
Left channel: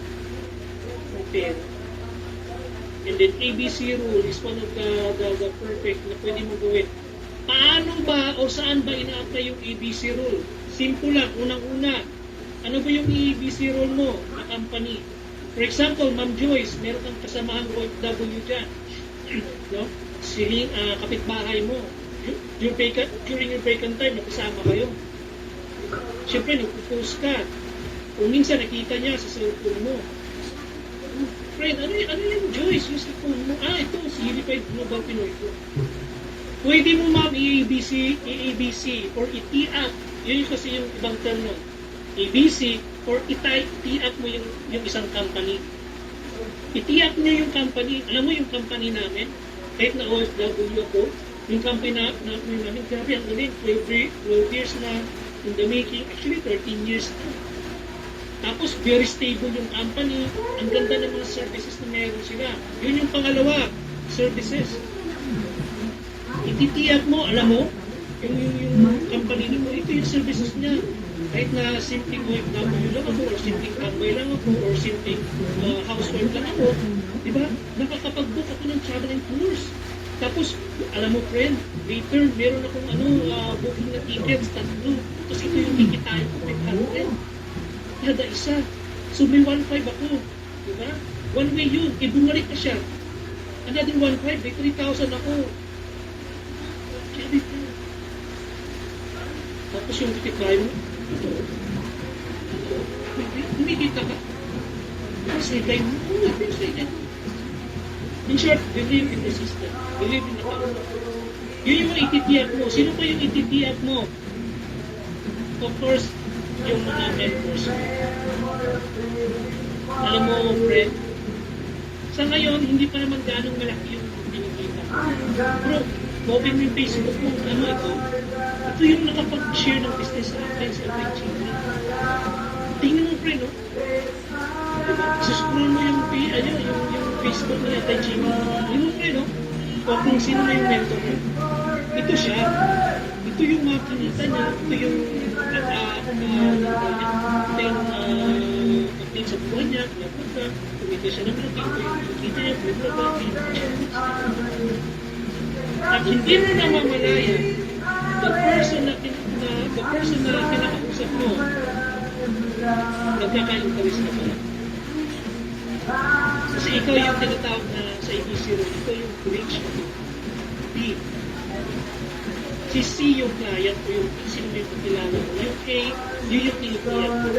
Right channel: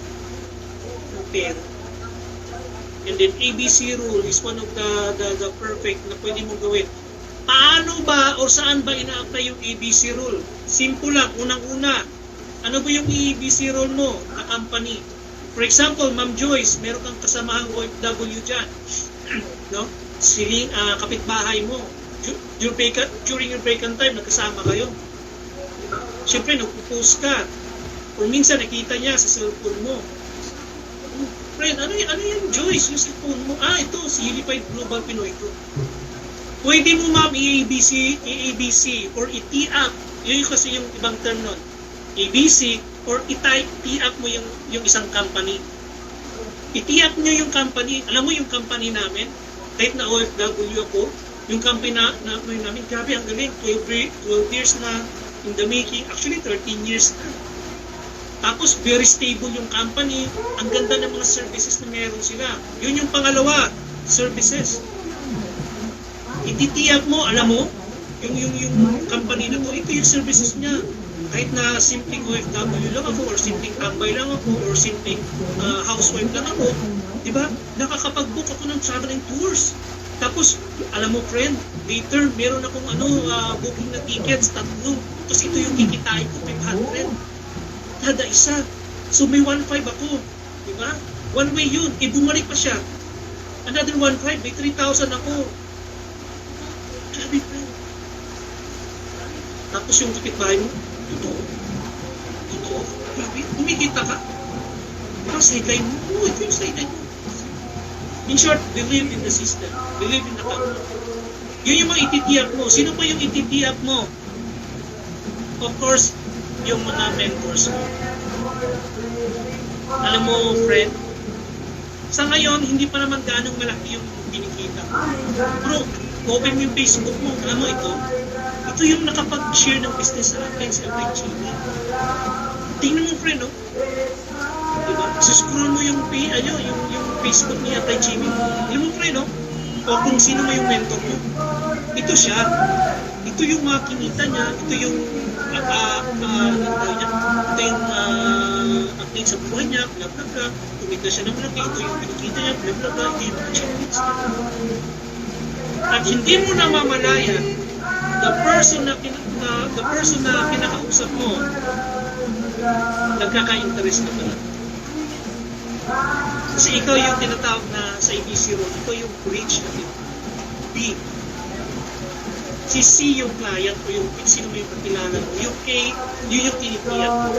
ng pera. And then ABC rule is one of the perfect na pwede mo gawin. Paano ba o saan ba ina-apply yung ABC rule? Simple lang, unang-una. Ano ba yung ABC rule mo? A company. For example, Ma'am Joyce, meron kang kasamahang OFW dyan. No? Siling, kapitbahay mo. During your vacant time, nagkasama kayo. Siyempre, nagpo-post ka. O minsan, nakita niya sa cellphone mo. Friend, ano yung Joyce? Yung cellphone mo? Ito, si Unified Global Pinoy ko. Pwede mo, ma'am, i-ABC or i-T-up. Yun kasi yung ibang term nun. ABC or i-T-up mo yung isang company. I-T-up nyo yung company. Alam mo yung company namin? Kahit na OFW ako, yung company namin, grabe, ang galing. 12 years na in the making. Actually, 13 years na. Tapos, very stable yung company. Ang ganda ng mga services na meron sila. Yun yung pangalawa, services. I-T-up mo, alam mo, yung company na to, ito yung services niya. Kahit na simpleng OFW lang ako, or simpleng tambay lang ako, or simpleng housewife lang ako, di ba? Nakakapag-book ako ng travel and tours. Tapos, alam mo friend, later, meron akong booking na tickets, 3. Tapos ito yung kikitain ko, 500. Kada isa. So may 1.5 ako. Di ba? One way yun. Bumalik pa siya. Another 1.5, may 3,000 ako. Grabe friend. Tapos yung kapitbahay mo, totoo. Grabe, kumikita ka. Ang sideline mo, ito yung sideline mo. In short, believe in the system. Believe in the company. Yun yung mga ititiyak mo. Sino pa yung ititiyak mo? Of course, yung mga mentors mo. Alam mo, friend, sa ngayon, hindi pa naman ganong malaki yung binikita. Bro, open mo yung Facebook mo. Alam mo ito? Ito yung nakapag-share ng business sa akin sa FHG. Tingnan mo, friend, no? Diba? Scroll mo yung Facebook niya kay Jimmy. Alam mo, friend, no? O kung sino mo yung mentor mo. Ito siya. Ito yung mga kinita niya. Ito yung ito yung update sa buhay niya, bla bla bla, kumita siya ng malaki, ito yung kinikita niya, bla bla bla, ito yung achievements. At hindi mo namamalayan, the person na kinakausap mo, nagkaka-interest na pala. Kasi ikaw yung tinatawag na sa ABC role, ikaw yung bridge natin. B. Si C yung client o yung sino may pakilala mo. Yung A, yun yung tinikiyan mo.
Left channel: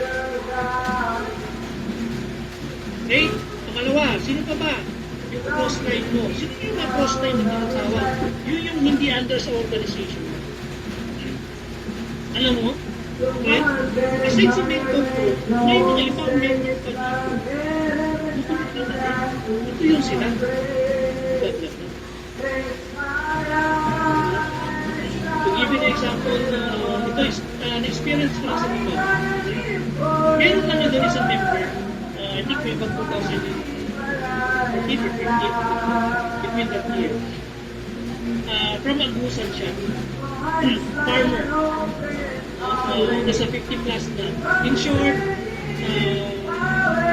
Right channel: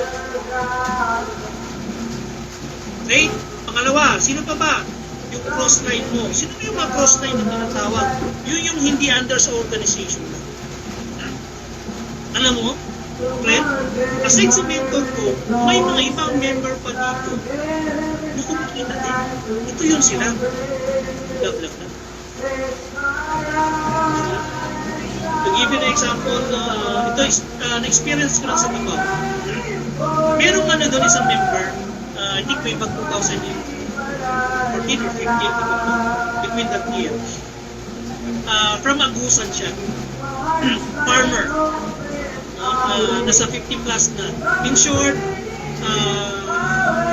Okay? Pangalawa, sino pa ba? Yung cross-line mo. Sino yung mga cross-line na tinatawag? Yun yung hindi under sa organization. Alam mo, friend, aside sa mentor ko, may mga ibang member pa dito. Hindi ko makita din. Ito yun sila. Blah, blah, blah. To give you an example, ito na-experience ko lang sa Davao. Merong doon isang member, I think may bag 2014 or 15, between that years. From Agusan siya. Farmer. Nasa 50 plus na. In short,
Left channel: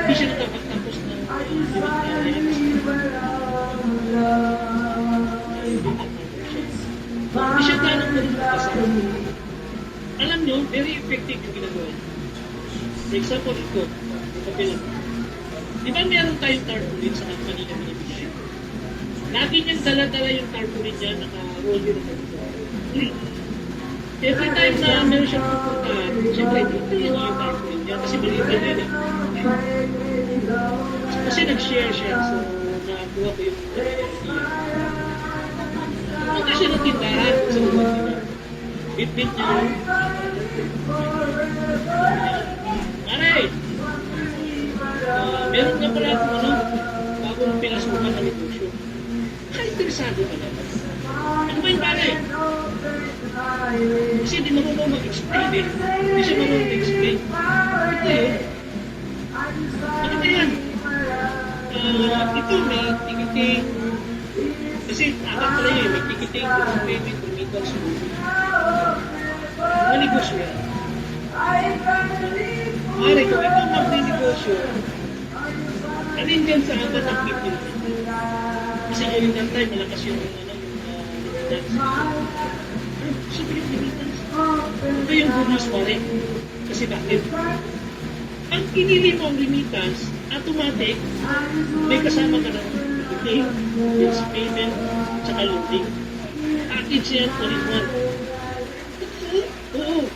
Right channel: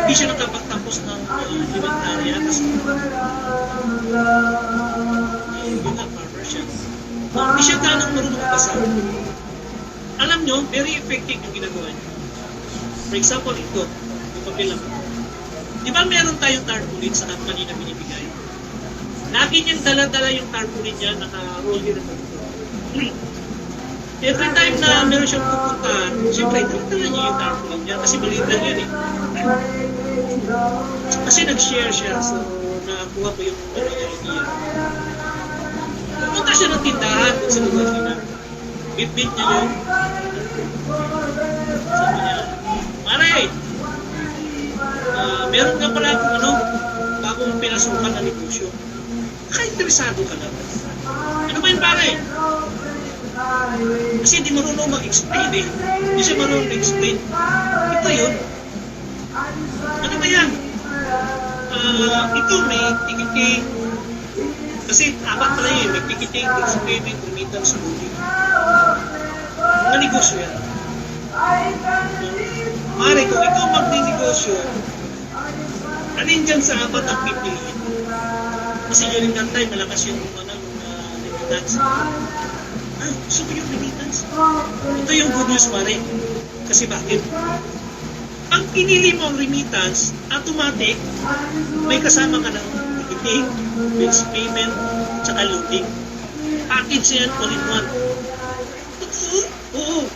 hindi siya nakapagtapos ng elementarya kasi hindi nga farmer siya. Hindi siya ganang marunong magbasa. Alam nyo, very effective yung ginagawa niya. For example, ito, yung papilang. Di ba meron tayong tarpaulin sa company na binibigay? Lagi niyang dala-dala yung tarpaulin niya, naka-roll yun naman ito. Every time na meron siyang pupuntahan, siyempre, dala niya yung tarpaulin niya kasi maliit lang yan eh. Kasi nag-share siya, so nakuha ko yung idea. Pumunta siya ng tindahan kung sa lugar niya. Bit-bit niya yun. Sabi niya, Mare, meron ka pala akong bagong pinasukan na negosyo. Naka-interesado ka na. Ano ba yun, pare? Kasi di marunong mag-explain eh. Hindi siya marunong mag-explain. Ito yun. Ano ba yan? Ito may tikiting. Kasi apat pala yun. May tikiting, goods payment, remittance, moving. Mga negosyo yan. Mare, kung ikaw magninegosyo, alin dyan sa apat ang pipiliin? Kasi during that time, malakas yung remittance. Gusto mo yung remittance? Ito yung good news, pare. Kasi bakit? Pag pinili mo ang remittance, automatic, may kasama ka ng ticketing, bills payment, tsaka loading. Package yan, all in one. Oo.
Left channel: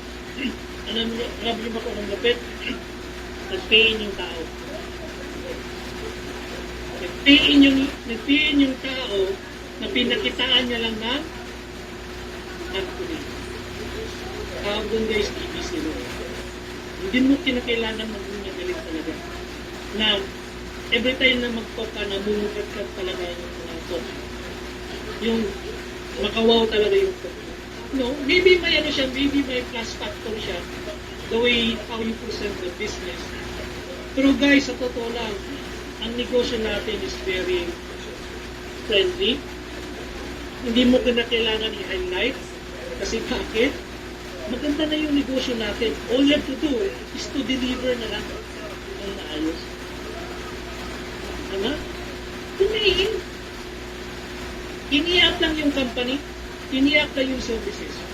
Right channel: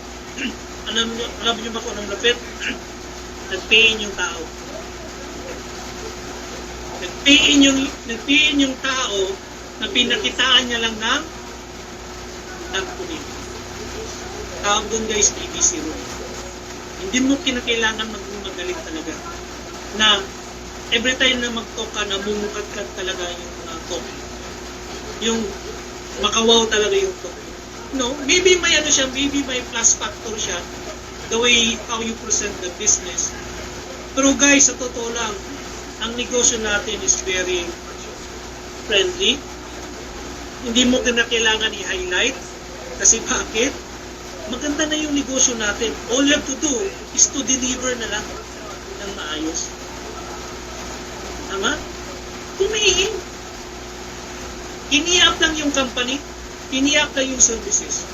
Alam niyo ba kung anong lapit? Nag-pay-in yung tao. Nag-pay-in yung tao na pinakitaan niya lang ng tarpaulin. Tawag doon guys, ABC rule. Hindi mo kinakailangan magaling talaga. Na every time na mag-talk ka, namumukat talaga yung talk. Yung makawaw talaga yung talk. No, maybe may siya, maybe may plus factor siya, the way how you present the business. Pero guys, sa totoo lang, ang negosyo natin is very friendly. Hindi mo kailangan i-highlight. Kasi bakit? Maganda na yung negosyo natin. All you have to do is to deliver na lang ng maayos. Tama? Tumihin. Ini-up lang yung company, ini-up lang yung services.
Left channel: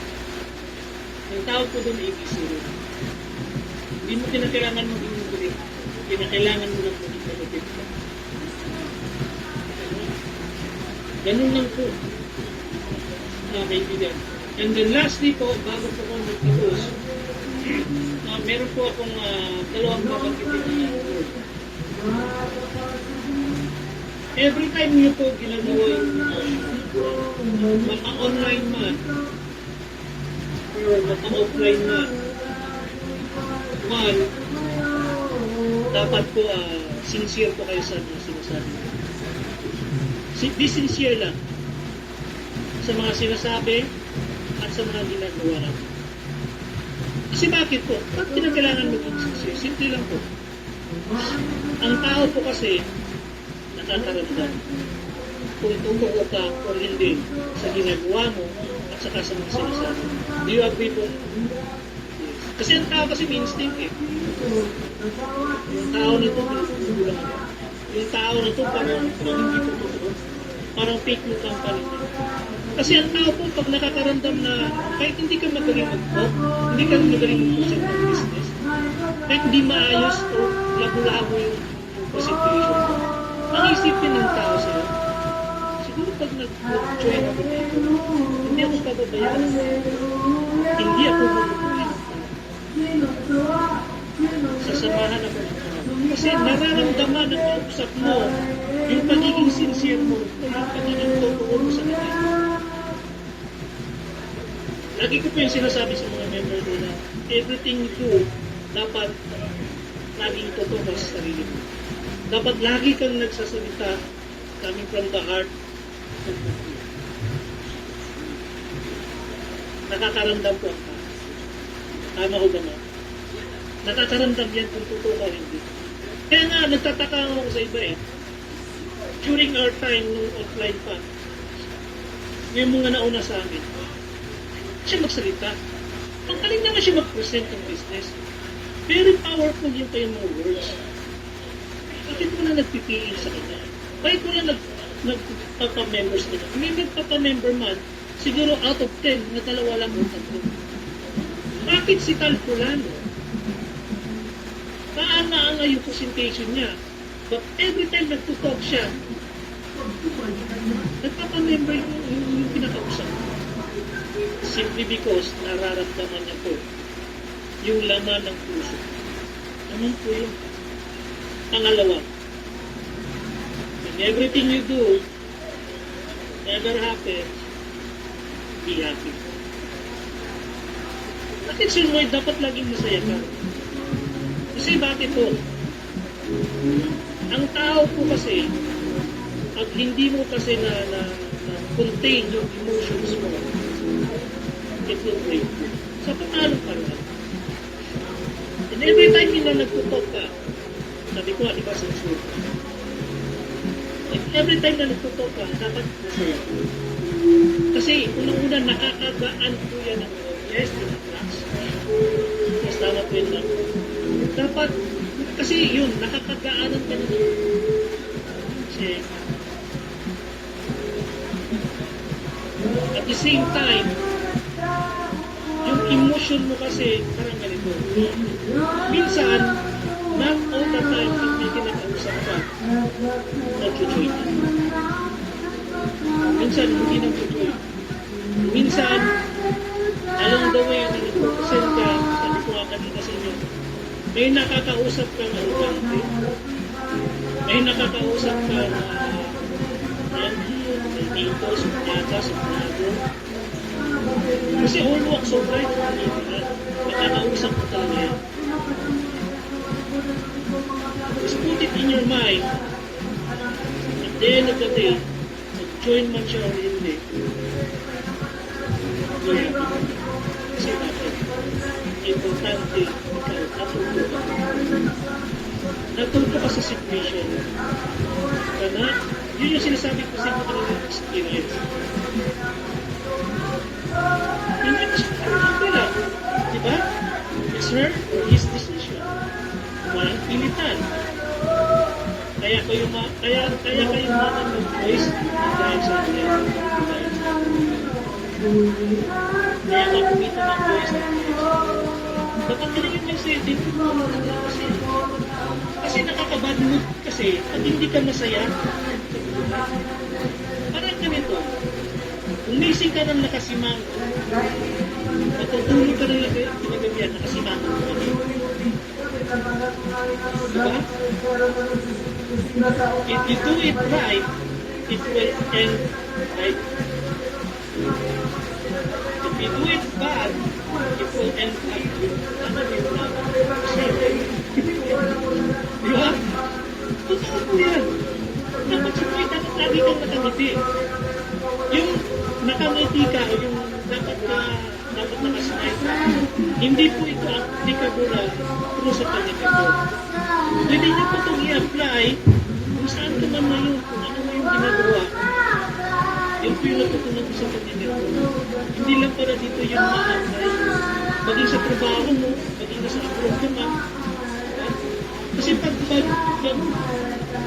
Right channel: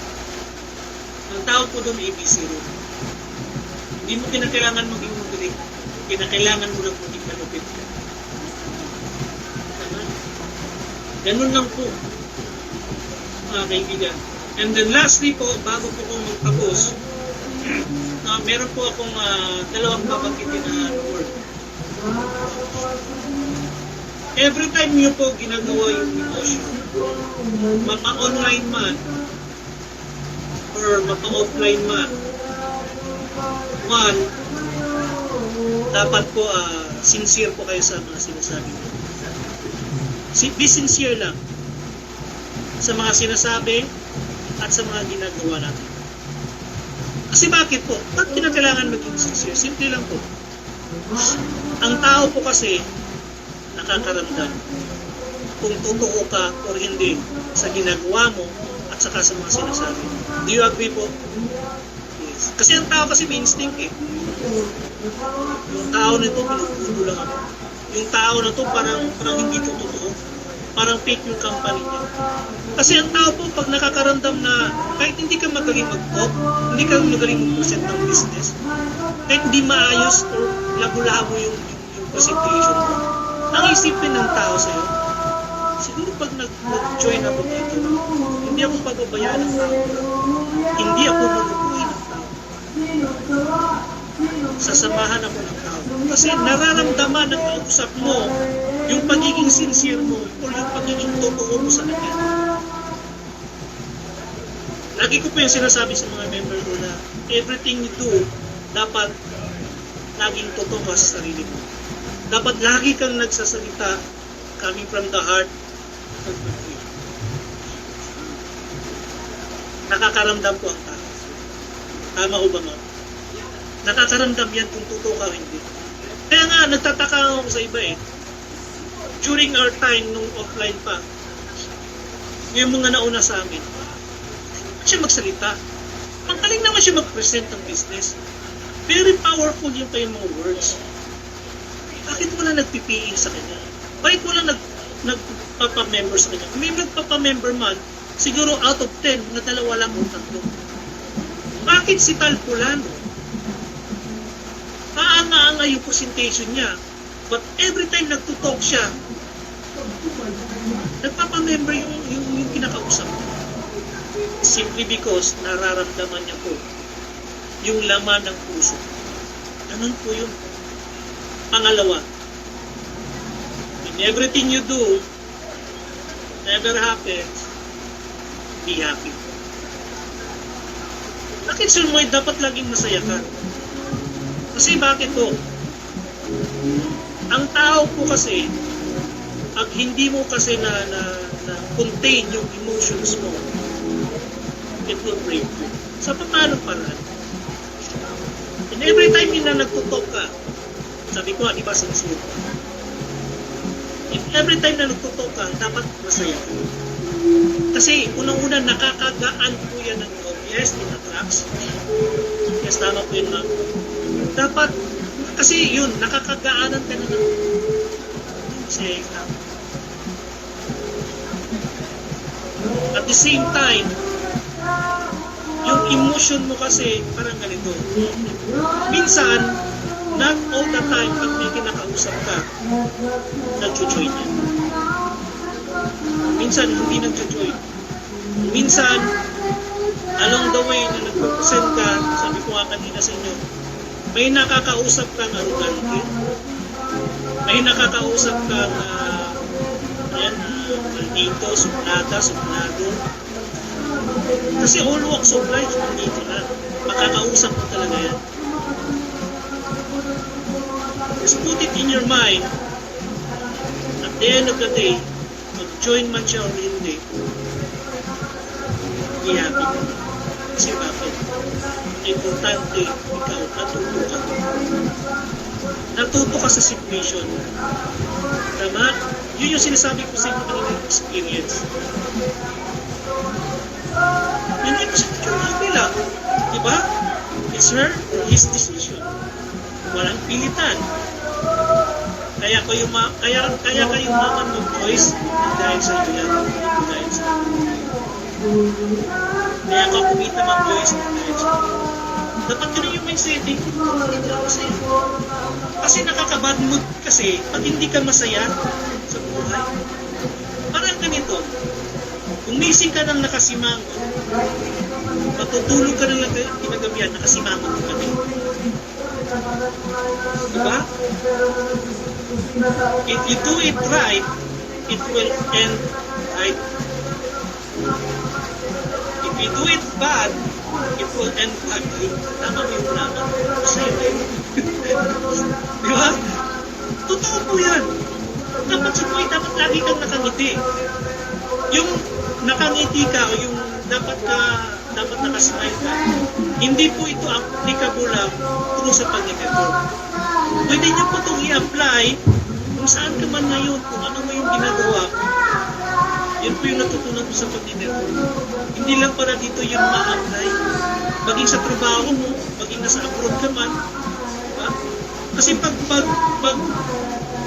Ang tawag ko doon ABC rin. Hindi mo kinakailangan maging magaling. Kinakailangan mo lang maging malupit. Ganun lang po, mga kaibigan. And then lastly po, bago po kong magtapos, meron po akong dalawang babanggitin na word. Every time nyo po ginagawa yung negosyo, mapa-online man or mapa-offline man, one, dapat po sincere po kayo sa mga sinasabi. Be sincere lang sa mga sinasabi at sa mga ginagawa natin. Kasi bakit po? Ba't kinakailangan maging sincere? Simple lang po. Ang tao po kasi nakakaramdam kung totoo ka o hindi sa ginagawa mo at saka sa mga sinasabi. Do you agree po? Yes. Kasi ang tao kasi may instinct eh. Yung tao na ito, pinupulo lang ako. Yung tao na to parang hindi to totoo. Parang fake yung company niya. Kasi ang tao po, pag nakakaramdam na kahit hindi ka magaling mag-talk, hindi ka magaling mag-present ng business, kahit hindi maayos o labo-labo yung presentation mo, ang isipin ng tao sa'yo, siguro pag nag-join ako dito, hindi ako pababayaan ng tao. Hindi ako mabubuhay ng tao. Sasamahan ako ng tao. Kasi nararamdaman ng kausap mo yung pagiging sincere mo o yung pagiging totoo mo sa kanila. Lagi ko po yung sinasabi sa mga member ko na everything you do, dapat laging totoo ka sa sarili mo. Dapat lagi kang nagsasalita coming from the heart of the heart. Nakakaramdam ko ang tao. Tama ko ba nga? Nakakaramdam yan kung totoo ka hindi. Kaya nga, nagtataka ako sa iba eh. During our time, nung offline pa, yung mga nauna sa amin, siya magsalita. Ang galing naman siya mag-present ng business. Very powerful yung kayong mga words. Bakit wala nagpipiin sa kanya? Bakit wala nagpapamember sa kanya? May nagpapamember man, siguro out of 10, na dalawa lang o tatlo. Bakit si Tal Pulano? Paanga-anga yung presentation niya. But every time nagtutalk siya, nagpapamember yung kinakausap. Simply because nararamdaman niya po yung laman ng puso. Ganun po yun. Pangalawa, in everything you do, whatever happens, be happy. Bakit Sir Moy dapat laging masaya ka? Kasi bakit po? Ang tao po kasi, pag hindi mo kasi na contain yung emotions mo, it will break you. Sa paano paraan? And every time na nagtutok ka, sabi ko, di ba sincere ka? And every time na nagtutok ka, dapat masaya. Kasi unang-una nakakagaan po yan ng loob. Yes, it attracts. Yes, tama po yun lang. Dapat, kasi yun, nakakagaanan ka na ng masaya ka. At the same time, yung emotion mo kasi parang ganito. Minsan, not all the time pag may kinakausap ka, nag-join. Minsan, hindi nag-join. Minsan, along the way na nag-present ka, sabi ko nga kanina sa inyo, may nakakausap kang arugante. May nakakausap kang dito, suplada, suplado. Kasi all walks of life nandito na. Makakausap mo talaga yan. Just put it in your mind, at the end of the day, mag-join man siya o hindi, be happy. Kasi bakit? Importante, ikaw, natuto ka. Natuto ka sa situation. Tama? Yun yung sinasabi ko sa inyo ng experience. Hindi mo siya tutunan nila. Diba? Yes, sir. His decision. Walang pilitan. Kaya kayo maman ng choice dahil sa inyo yan. Dahil sa inyo. Kaya ka kumita ng choice dahil sa inyo. Dapat yun yung may setting. Kasi nakaka-bad mood kasi pag hindi ka masaya sa buhay. Parang ganito. Kung gising ka ng nakasimango, matutulog ka ng kinagabihan, nakasimango ka na. Diba? If you do it right, it will end right. If you do it bad, it will end badly. Tama mo yung tama. Diba? Totoo po yan. Dapat dapat lagi kang nakangiti. Yung nakangiti ka o yung dapat nakasmile ka, hindi po ito applicable lang true sa pag-network. Pwede nyo po itong i-apply kung saan ka man ngayon, kung ano mo yung ginagawa. Yan po yung natutunan ko sa pag-network. Hindi lang para dito yung ma-apply. maging sa trabaho mo, maging nasa abroad ka man. Ha? Kasi pag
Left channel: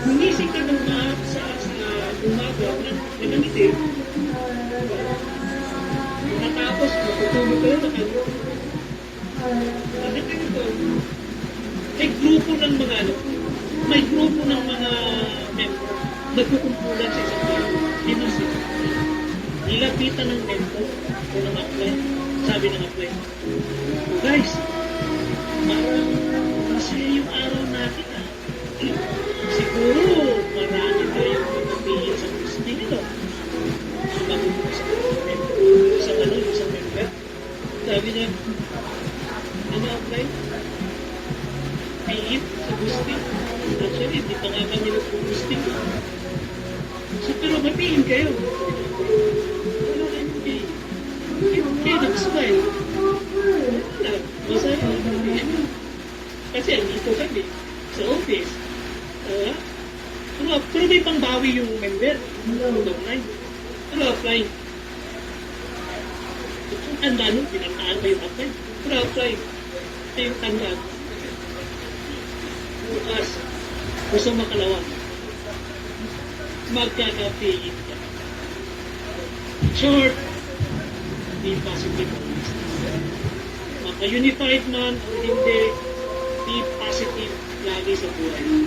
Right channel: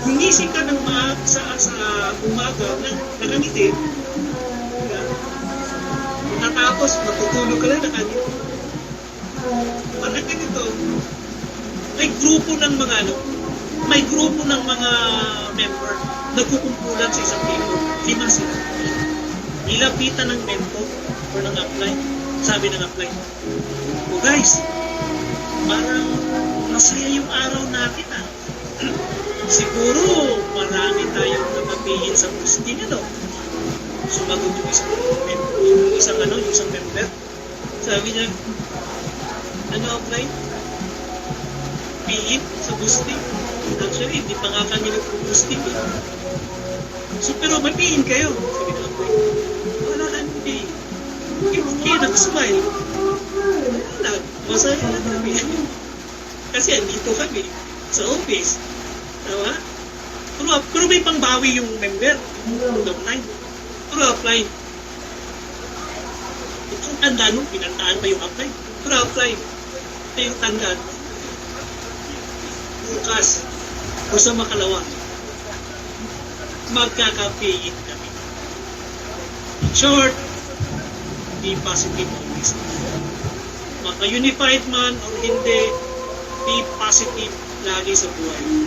gumising ka ng sa umaga, nakangiti, natapos, matutulog ka lang nakangiti. Bakit ganito? May grupo ng mga member nagkukumpulan sa isang grupo. Lima sila. Nilapitan ng mentor or ng apply. Sabi ng apply, oh guys, parang masaya yung araw natin ah. Siguro marami tayong napapilin sa posting, ano? Sumagot yung isang member. Sabi niya, ano apply? Piin sa boosting. Actually, hindi pa nga kami nag-boosting. So, pero may piin kayo. Sabi ng apply, wala kami piin. Okay, nakasmile. Wala, masaya na kami. Kasi andito kami sa office. Tama? Pero may pangbawi yung member. Yung apply. Pero apply. Kung tandaan mo, pinantaan pa yung apply. Pero apply. Ito yung tandaan. Bukas, o sa makalawa, magkakapayin kami. In short, be positive always. Maka-unified man o hindi, be positive lagi sa buhay.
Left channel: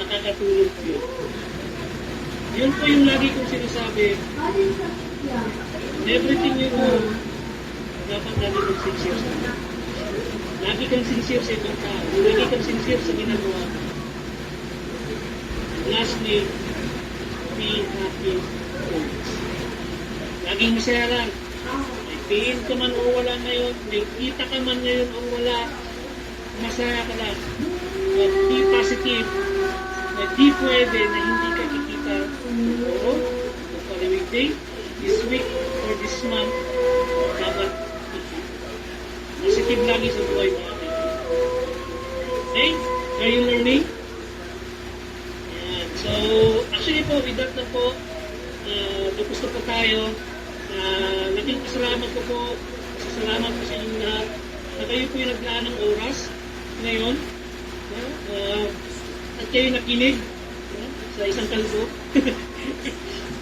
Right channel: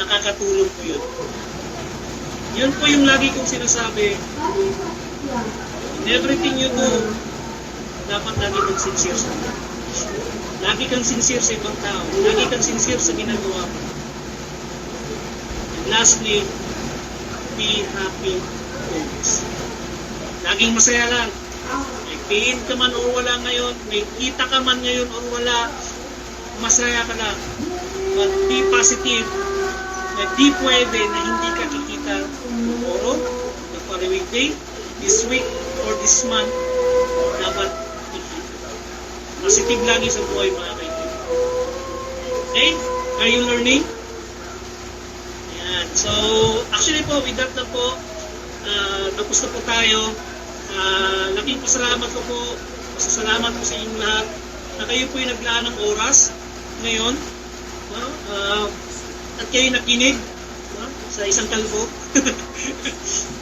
Nakakatulong po yun. Yun po yung lagi kong sinasabi. In everything you do, dapat lagi kang sincere sa mga. Lagi kang sincere sa ibang tao. Lagi kang sincere sa ginagawa mo. And lastly, be happy always. Laging masaya lang. May pain ka man o wala ngayon, may kita ka man ngayon o wala, masaya ka lang. But be positive na di pwede na hindi ka kikita tomorrow, the following day, this week, or this month. Dapat positive lagi sa buhay, mga kaibigan. Okay? Are you learning? Ayan. So, actually po, with that na po, tapos na po tayo. Laking pasalamat ko po, pasasalamat po sa inyong lahat na kayo po yung naglaan ng oras ngayon. No? At kayo nakinig, no? Sa isang kalbo.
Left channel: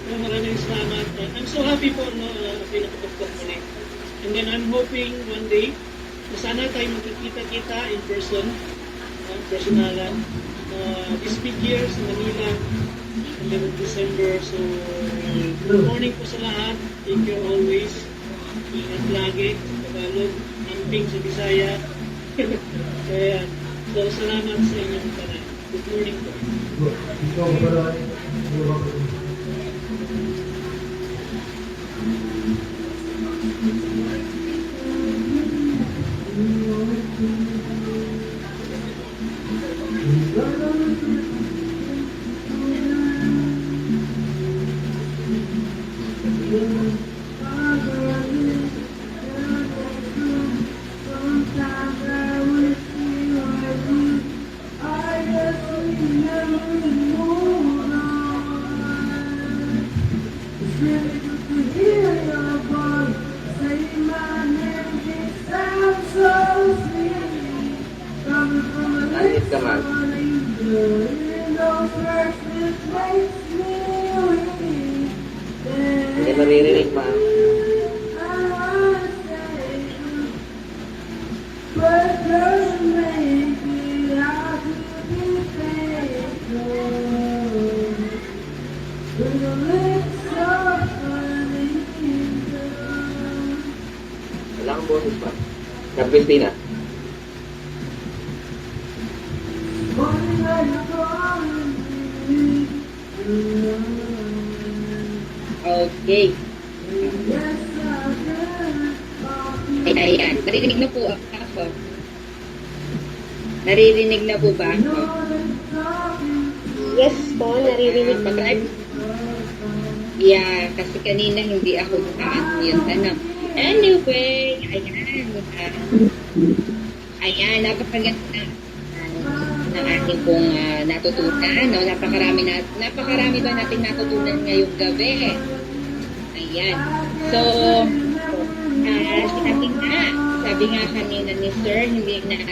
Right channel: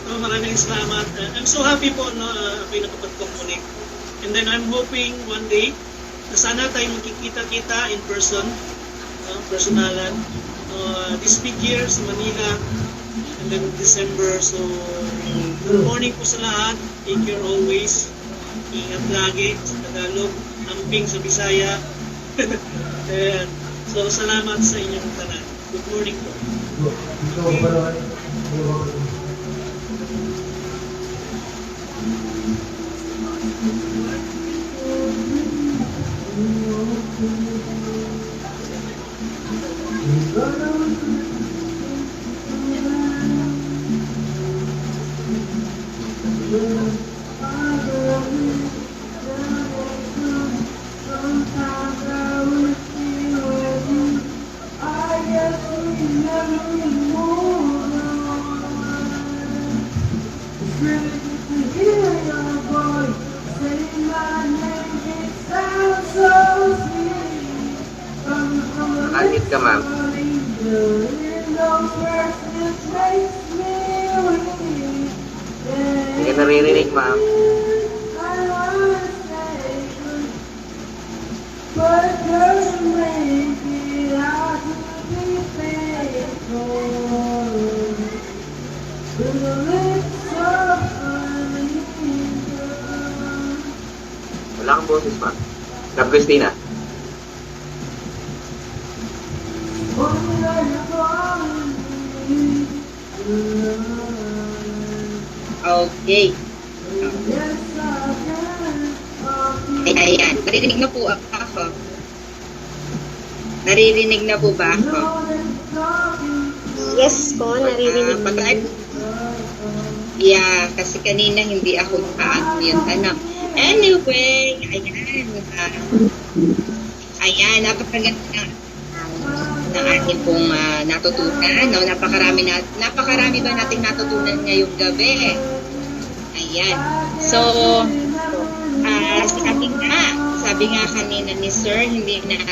No, maraming salamat. I'm so happy po na kayo nakapag-connect. And then I'm hoping one day na sana tayo magkikita-kita in person, personalan. This big year sa Manila, and then December. So, good morning po sa lahat. Take care always. Ingat lagi sa Tagalog, amping sa Bisaya. And, so, salamat sa inyong tanan. Good morning po. Langit ka, ma'am. Hindi ka naririnig, ma'am. Wala kang boses, ma'am. Ma'am Christina. Okay. Ayan. Naririnig na po ako. Naririnig na po ba ako? Yes po, naririnig po. Yeah, kasi kanina hindi ako naka-unmute. Anyway, ayan. Ayan, napakaganda ng ating pong natutunan. No? Napakarami ba nating natutunan ngayong gabi? Ayan. So, sabi nga kanina ni Sir, hindi na natin